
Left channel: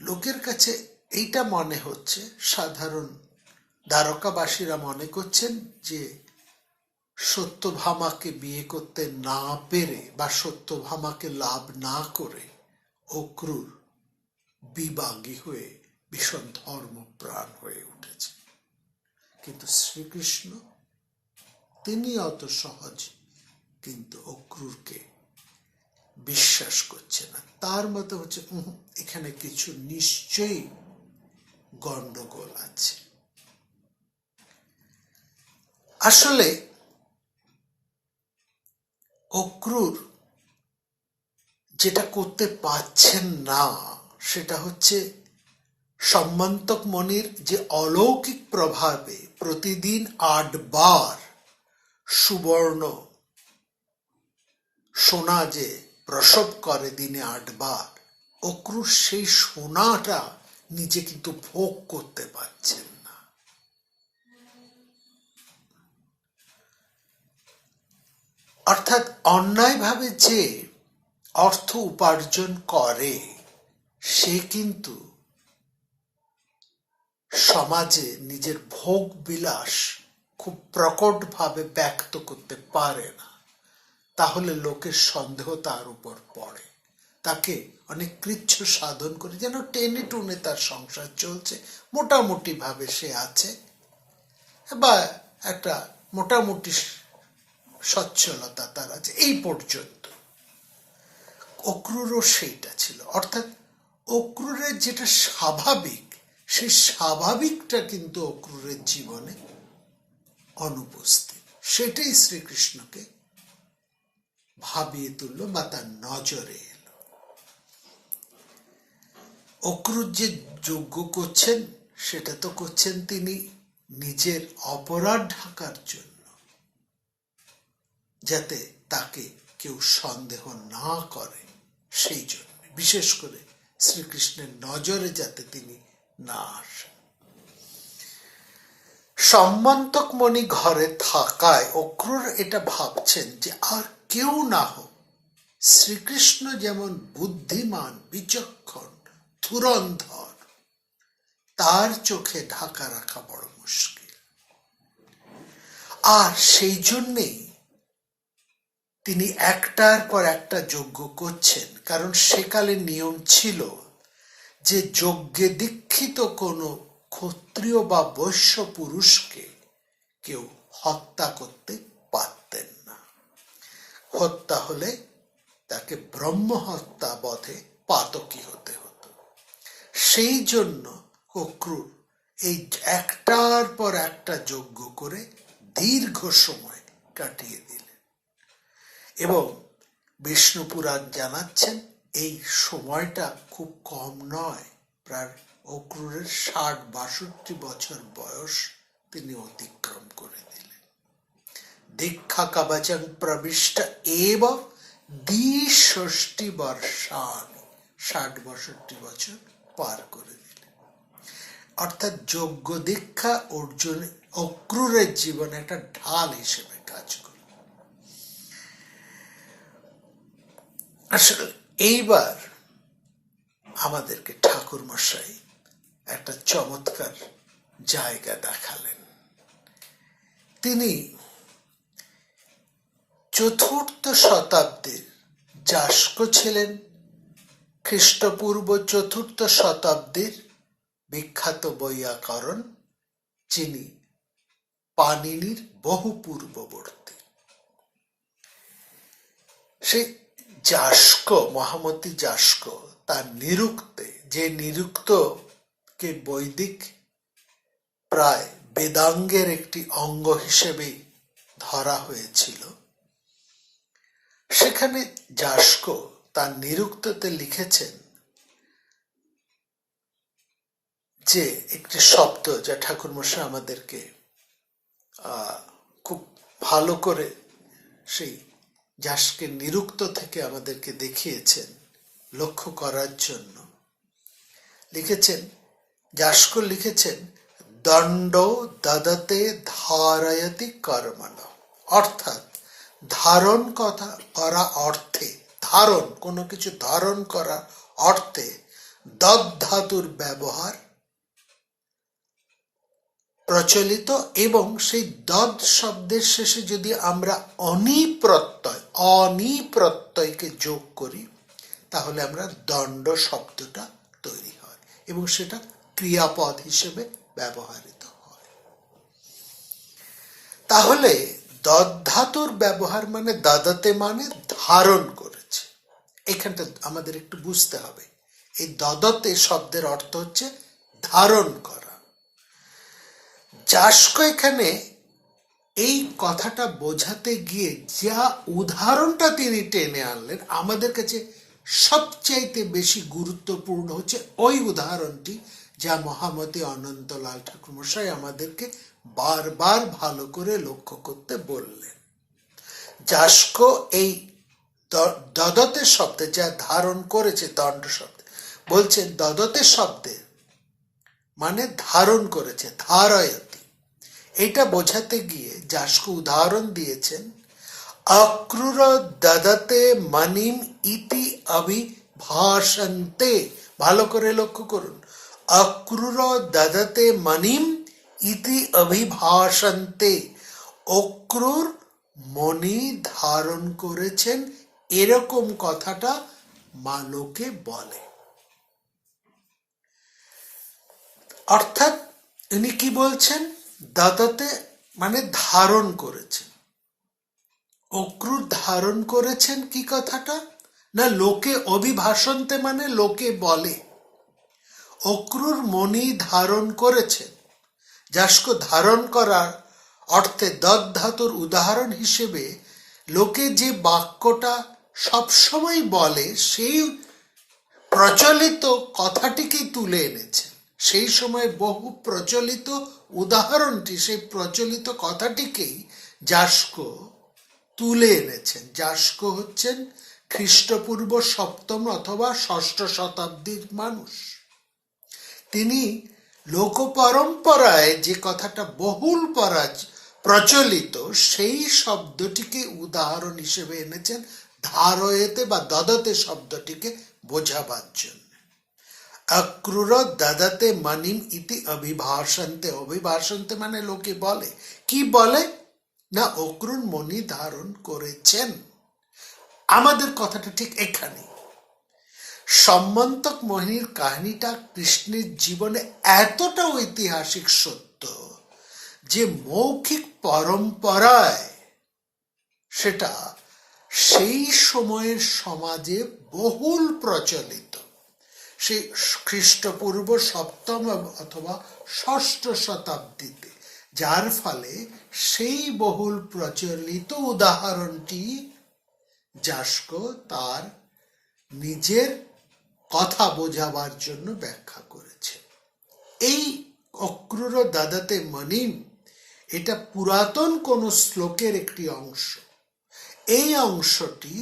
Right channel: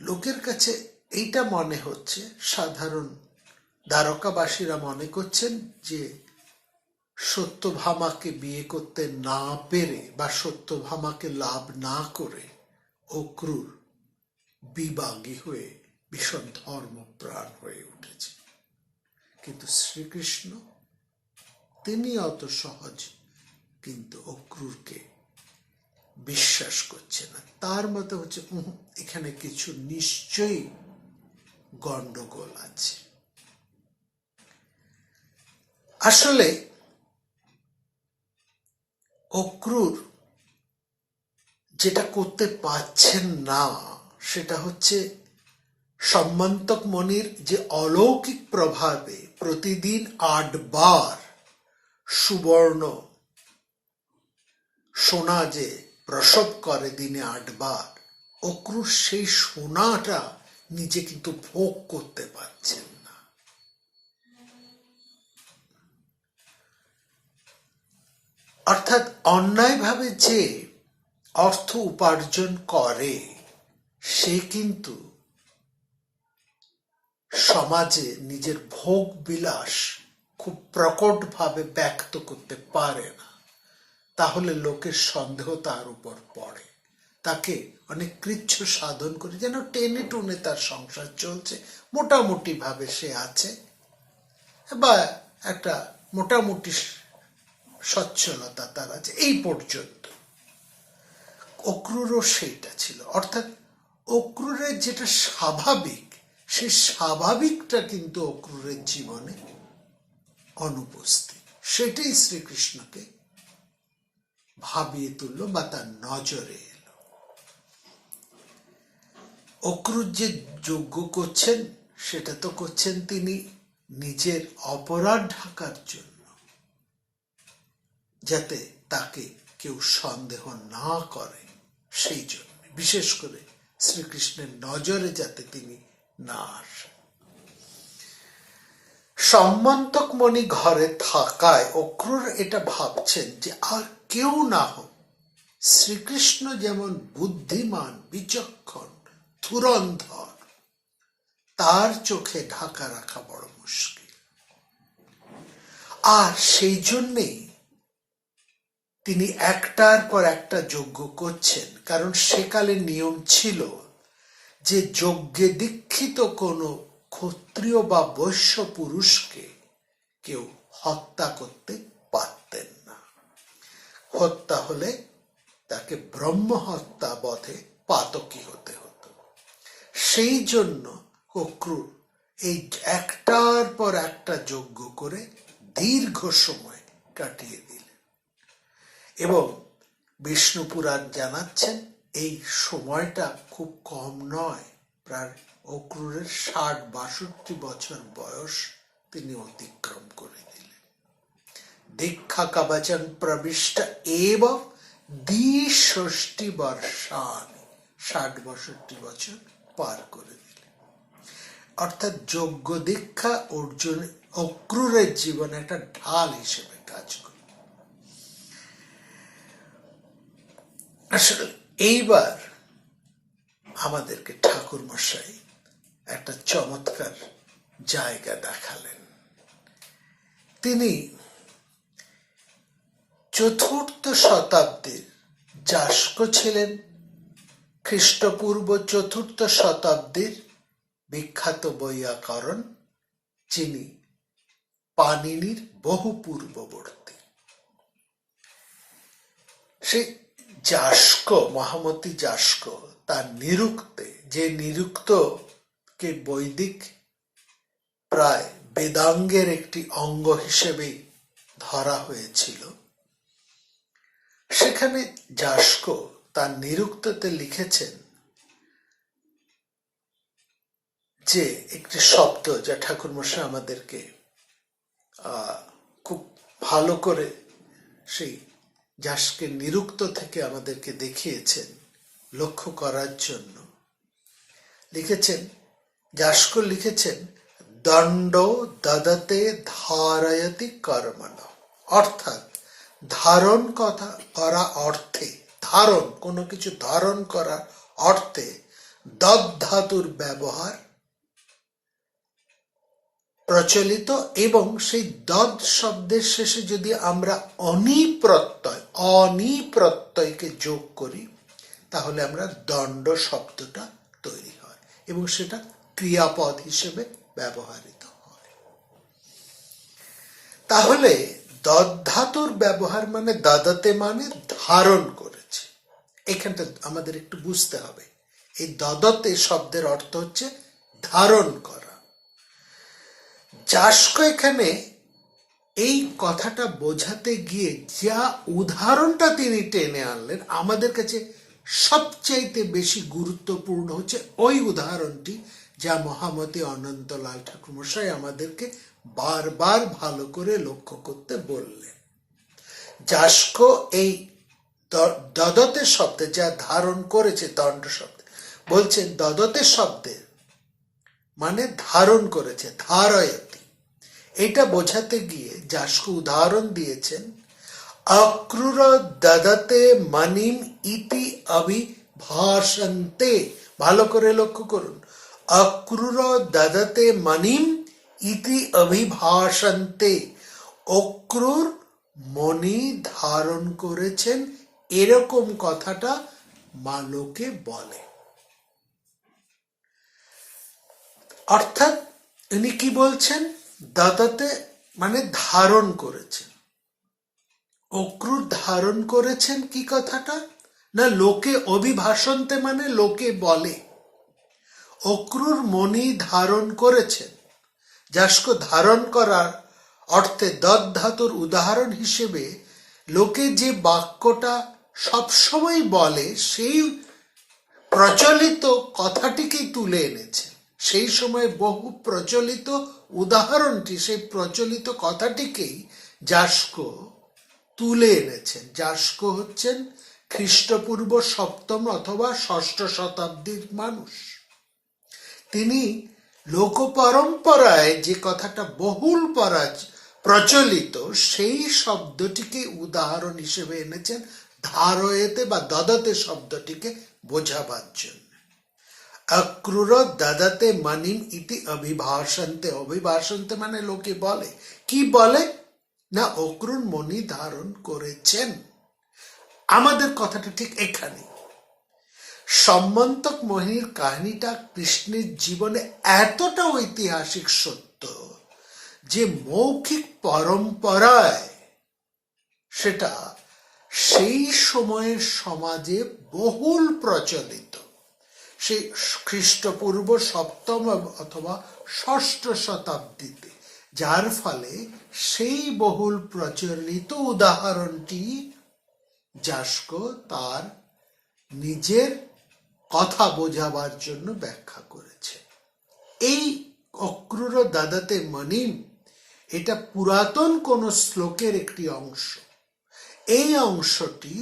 লোকের কাছে এইটা মনে হচ্ছে, সাধারণ দ্বারকাবাসীরা মনে করছেন যে সত্যভামাকে বিয়ে করতে না পেরে বা সত্যভামাকে লাভ না করে অক্রুর বিবাগী হয়ে ভীষণ ধর্মপ্রাণ হয়ে উঠেছে। কিন্তু শ্রীকৃষ্ণ তিনি অত সহজ কিন্তু অক্রুরকে বিশ্বাস করছে না। তার মতে হচ্ছে এখানে কিছু নিশ্চয়ই গন্ডগোল আছে। আসলে অক্রুর যেটা করতে পারছেন না সেটা হচ্ছে সম্মন্তক মণির যে অলৌকিক প্রভাবে প্রতিদিন 8 বার সুবর্ণ সোনা যে প্রসব করে দিনে 8 বার, অক্রুর সেই সোনাটা নিজে কিন্তু ভোগ করতে পারছেন না। অর্থাৎ অন্যায়ভাবে যে অর্থ উপার্জন করে সে কিন্তু সমাজে নিজের ভোগ বিলাস খুব প্রকটভাবে ব্যক্ত করতে পারে না। তাহলে লোকের সন্দেহ তার উপর পড়ে, তাকে অনেক কৃচ্ছ সাধন করে যেন টেনে টুনে তার সংসার চলছে, মোটামুটি ভাবে সে আছে বা একটা মোটামুটি সচ্ছলতা তার আছে, এই পর্যন্ত। অক্রুরও সেইটা ছিল, অর্থাৎ অক্রুরের যেটা স্বাভাবিক সেই স্বাভাবিকটা কিন্তু অক্রুরের জীবনে অনুপস্থিত। সেটাই শ্রীকৃষ্ণকে ভাবিয়ে তুলল বা তার নজরে এলো। অক্রুর যে যজ্ঞ করছেন সেটা তো করছেন তিনি নিজের অপরাধ ঢাকার জন্য, যাতে তাকে কেউ সন্দেহ না করে, সেই জন্য বিশেষ করে শ্রীকৃষ্ণের নজরে যাতে তিনি না আসেন। সম্মন্তক মণি ঘরে থাকায় অক্রুর এটা ভাবছেন যে আর কেউ না হোক, শ্রীকৃষ্ণ যেমন বুদ্ধিমান, বিচক্ষণ, ধুরন্ধর, তার চোখে ঢাকা রাখা বড় মুশকিল। আর সেই জন্যেই তিনি একটার পর একটা যজ্ঞ করছেন, কারণ সেকালে নিয়ম ছিল যে যজ্ঞে দীক্ষিত কোনো ক্ষত্রিয় বা বৈশ্য পুরুষকে কেউ হত্যা করতে পারতেন না। হত্যা হলে তাকে ব্রহ্ম হত্যা বধে পাতকী হতে হতো। সেই জন্য অক্রূর এই একটার পর একটা যজ্ঞ করে দীর্ঘ সময় কাটিয়ে দিলেন। এবং বিষ্ণু পুরাণ জানাচ্ছেন এই সময়টা খুব কম নয়, প্রায় অক্রূরের ৬০-৬২ বছর বয়স তিনি অতিক্রম করে দিলেন। দীক্ষা কবচন প্রবিষ্ট এব দ্বিষষ্টি বর্ষান, ৬০-৬২ বছর পার করে দিলেন। অর্থাৎ যোগ্য দীক্ষা অর্জুন অক্রূরের জীবনে একটা ঢাল হিসেবে কাজ করে। আসলে এইবার আমাদেরকে ঠাকুর মশাই একটা চমৎকার জায়গা দেখালেন। তিনি ৪র্থ শতাব্দীর যাস্ক ছিলেন, খ্রিস্টপূর্ব ৪র্থ শতাব্দীর বিখ্যাত বৈয়াকরণ, যিনি পাণিনির বহু পূর্ববর্তী। সে যাস্ক, মহামতি যাস্ক, তার নিরুক্তে, যে নিরুক্তকে বৈদিক প্রায় বেদাঙ্গের একটি অঙ্গ হিসেবে ধরা হয়েছিল, সেখানে যাস্ক তার নিরুক্ততে লিখেছেন যে একটি শব্দ যা ঠাকুরমশাই আমাদেরকে খুব ভালো করে সেই যাস্কের নিরুক্ত থেকে আমাদেরকে দেখিয়েছেন লক্ষ্য করার জন্য। লিখেছেন, যাস্ক লিখেছেন, দণ্ড দদতে ধারয়তি কর্মণ, অর্থাৎ ধারণ করা অর্থে, ধারণ, কোনো কিছু ধারণ করার অর্থে দদ ধাতুর ব্যবহার প্রচলিত, এবং সেই দদ শব্দের শেষে যদি আমরা অনিপ্রত্যয়কে যোগ করি তাহলে আমরা দণ্ড শব্দটা তৈরি হয় এবং সেটা ক্রিয়াপদ হিসেবে ব্যবহৃত হয়। তাহলে দদ ধাতুর ব্যবহার মানে দদতে মানে ধারণ করেছে। এখানটা আমাদের একটু বুঝতে হবে, এই দদতে শব্দের অর্থ হচ্ছে ধারণ করা। যাস্ক এখানে এই কথাটা বোঝাতে গিয়ে যা উদাহরণটা তিনি টেনে আনলেন, আমাদের কাছে সবচাইতে বেশি গুরুত্বপূর্ণ হচ্ছে ওই উদাহরণটি যা মহামতি অনন্তলাল ঠাকুর মশাই আমাদেরকে বারবার ভালো করে লক্ষ্য করতে বললেন। যাস্ক এই দদতে শব্দে যা ধারণ করেছে, দণ্ড শব্দ বলছেন, দদতে শব্দে মানে ধারণ করেছে, ধারয়তি। এটা বোঝাতে গিয়ে যাস্ক উদাহরণ দিয়েছেন, অক্রূর দদতে মণিম ইতি অভিভাষন্তে। ভালো করে লক্ষ্য করুন, অক্রূর দদতে মণিম ইতি অভিভাষন্তে, অক্রূর মণি ধারণ করেছেন এরকম কথাটা লোকে বলে। অর্থাৎ ইনি কি বলছেন, দদতে মানে ধারণ করেছেন, অক্রূর ধারণ করেছেন কি কথাটা না, লোকে অভিভাষন্তে মানে লোকে বলে। অক্রূর মণি ধারণ করেছেন, যাস্ক ধারণ করার অর্থে দদ ধাতুর উদাহরণ হিসেবে লোকে যে বাক্যটা সবসময় বলে সেই প্রচলিত কথাটিকে তুলে এনেছেন। সেই সময় বহু প্রচলিত উদাহরণটি, সেই প্রচলিত কথাটিকেই যাস্ক তুলে এনেছেন। যাস্ক হচ্ছেন খ্রিস্টপূর্ব ৭ম অথবা ৬ষ্ঠ শতাব্দীর মানুষ। তিনি লোক পরম্পরায় যে কথাটা বহুল প্রচলিত সেই শব্দটিকে উদাহরণ হিসেবে এনেছেন ধারয়েতে বা দদতে শব্দটিকে বোঝাবার জন্য। অক্রূর দদতে মণিম ইতি অভিভাষন্তে, অভিভাষন্তে মানে লোকে বলে। কি বলে না, অক্রূর মণি ধারণ করেছেন। আমাদের কথাটা ঠিক এখানে। সম্মন্তক মোহিনীর কাহিনীটা কৃষ্ণের জীবনে এতটা ঐতিহাসিক সত্য যে মৌখিক পরম্পরায় সেটা সেই সময়ের সমাজে বহুল প্রচলিত। সেই খ্রিস্টপূর্ব সপ্তম অথবা ষষ্ঠ শতাব্দীতে, যার ফলে সেই বহুল প্রচলিত উদাহরণটি যাস্ক তার নিজের কথা বোঝাবার জন্য ব্যাখ্যা করেছে। এই অক্রুর দাদাতে মনিম এটা পুরাতন কোন শ্লোকের একটি অংশ। এই অংশটি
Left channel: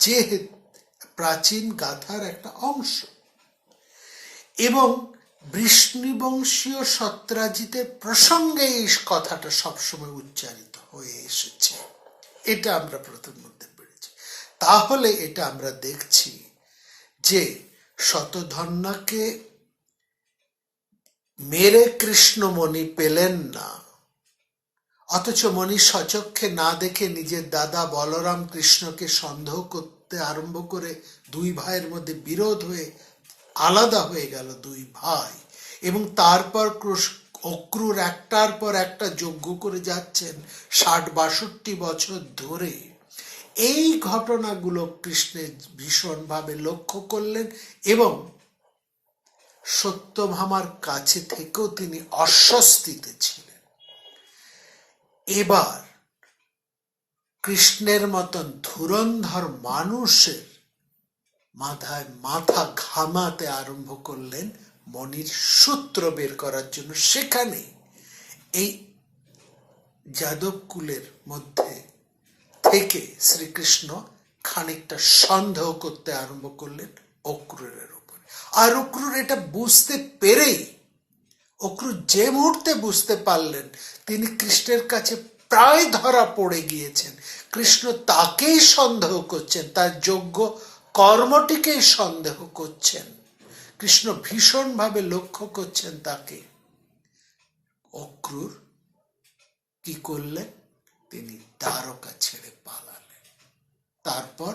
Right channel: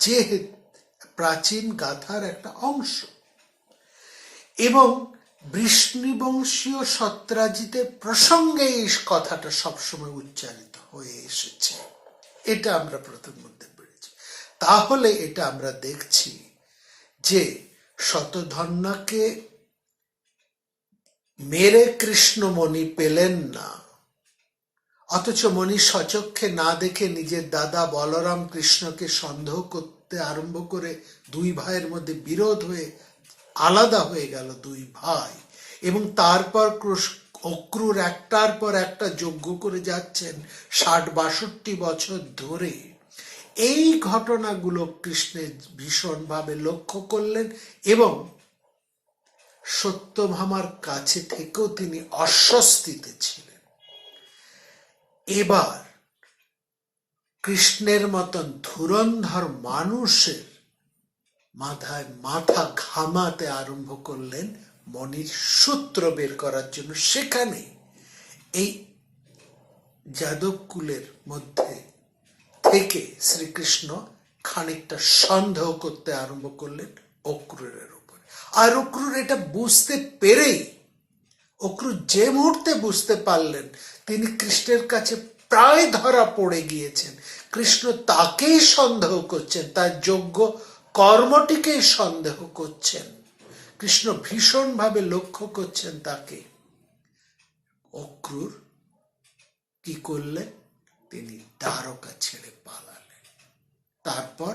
যে প্রাচীন গাথার একটা অংশ এবং বৃষ্ণিবংশীয় সত্রাজিতের প্রসঙ্গে এই কথাটা সবসময় উচ্চারিত হয়ে এসেছে। এটা আমরা প্রথম মধ্যে পেরেছি। তাহলে এটা আমরা দেখছি যে শতধন্যাকে মেরে কৃষ্ণ মণি পেলেন না, অথচ মণি সচক্ষে না দেখে নিজের দাদা বলরাম কৃষ্ণকে সন্দেহ করতে আরম্ভ করে দুই ভাইয়ের মধ্যে বিরোধ হয়ে আলাদা হয়ে গেল দুই ভাই, এবং তারপর অক্রুর একটার পর একটা যজ্ঞ করে যাচ্ছেন ৬০-৬২ বছর ধরে। এই ঘটনাগুলো কৃষ্ণের ভীষণভাবে লক্ষ্য করলেন এবং সত্যভামার কাছে থেকেও তিনি অস্বস্তিতে ছিলেন। এবার কৃষ্ণের মতন ধুরন্ধর মানুষের মাথায় মাথা ঘামাতে আরম্ভ করলেন মণির সূত্র বের করার জন্য। সেখানে এই যাদব কুলের মধ্যে থেকে শ্রীকৃষ্ণ খানিকটা সন্দেহ করতে আরম্ভ করলেন অক্রুরের উপর। আর অক্রুর এটা বুঝতে পেরেই, অক্রুর যে মুহূর্তে বুঝতে পারলেন তিনি কৃষ্ণের কাছে প্রায় ধরা পড়ে গিয়েছেন, কৃষ্ণ তাকেই সন্দেহ করছেন, তার যোগ্য কর্মটিকেই সন্দেহ করছেন, কৃষ্ণ ভীষণভাবে লক্ষ্য করছেন তাকে, অক্রুর কি করলেন? তিনি দ্বারকা ছেড়ে পালালেন। তারপর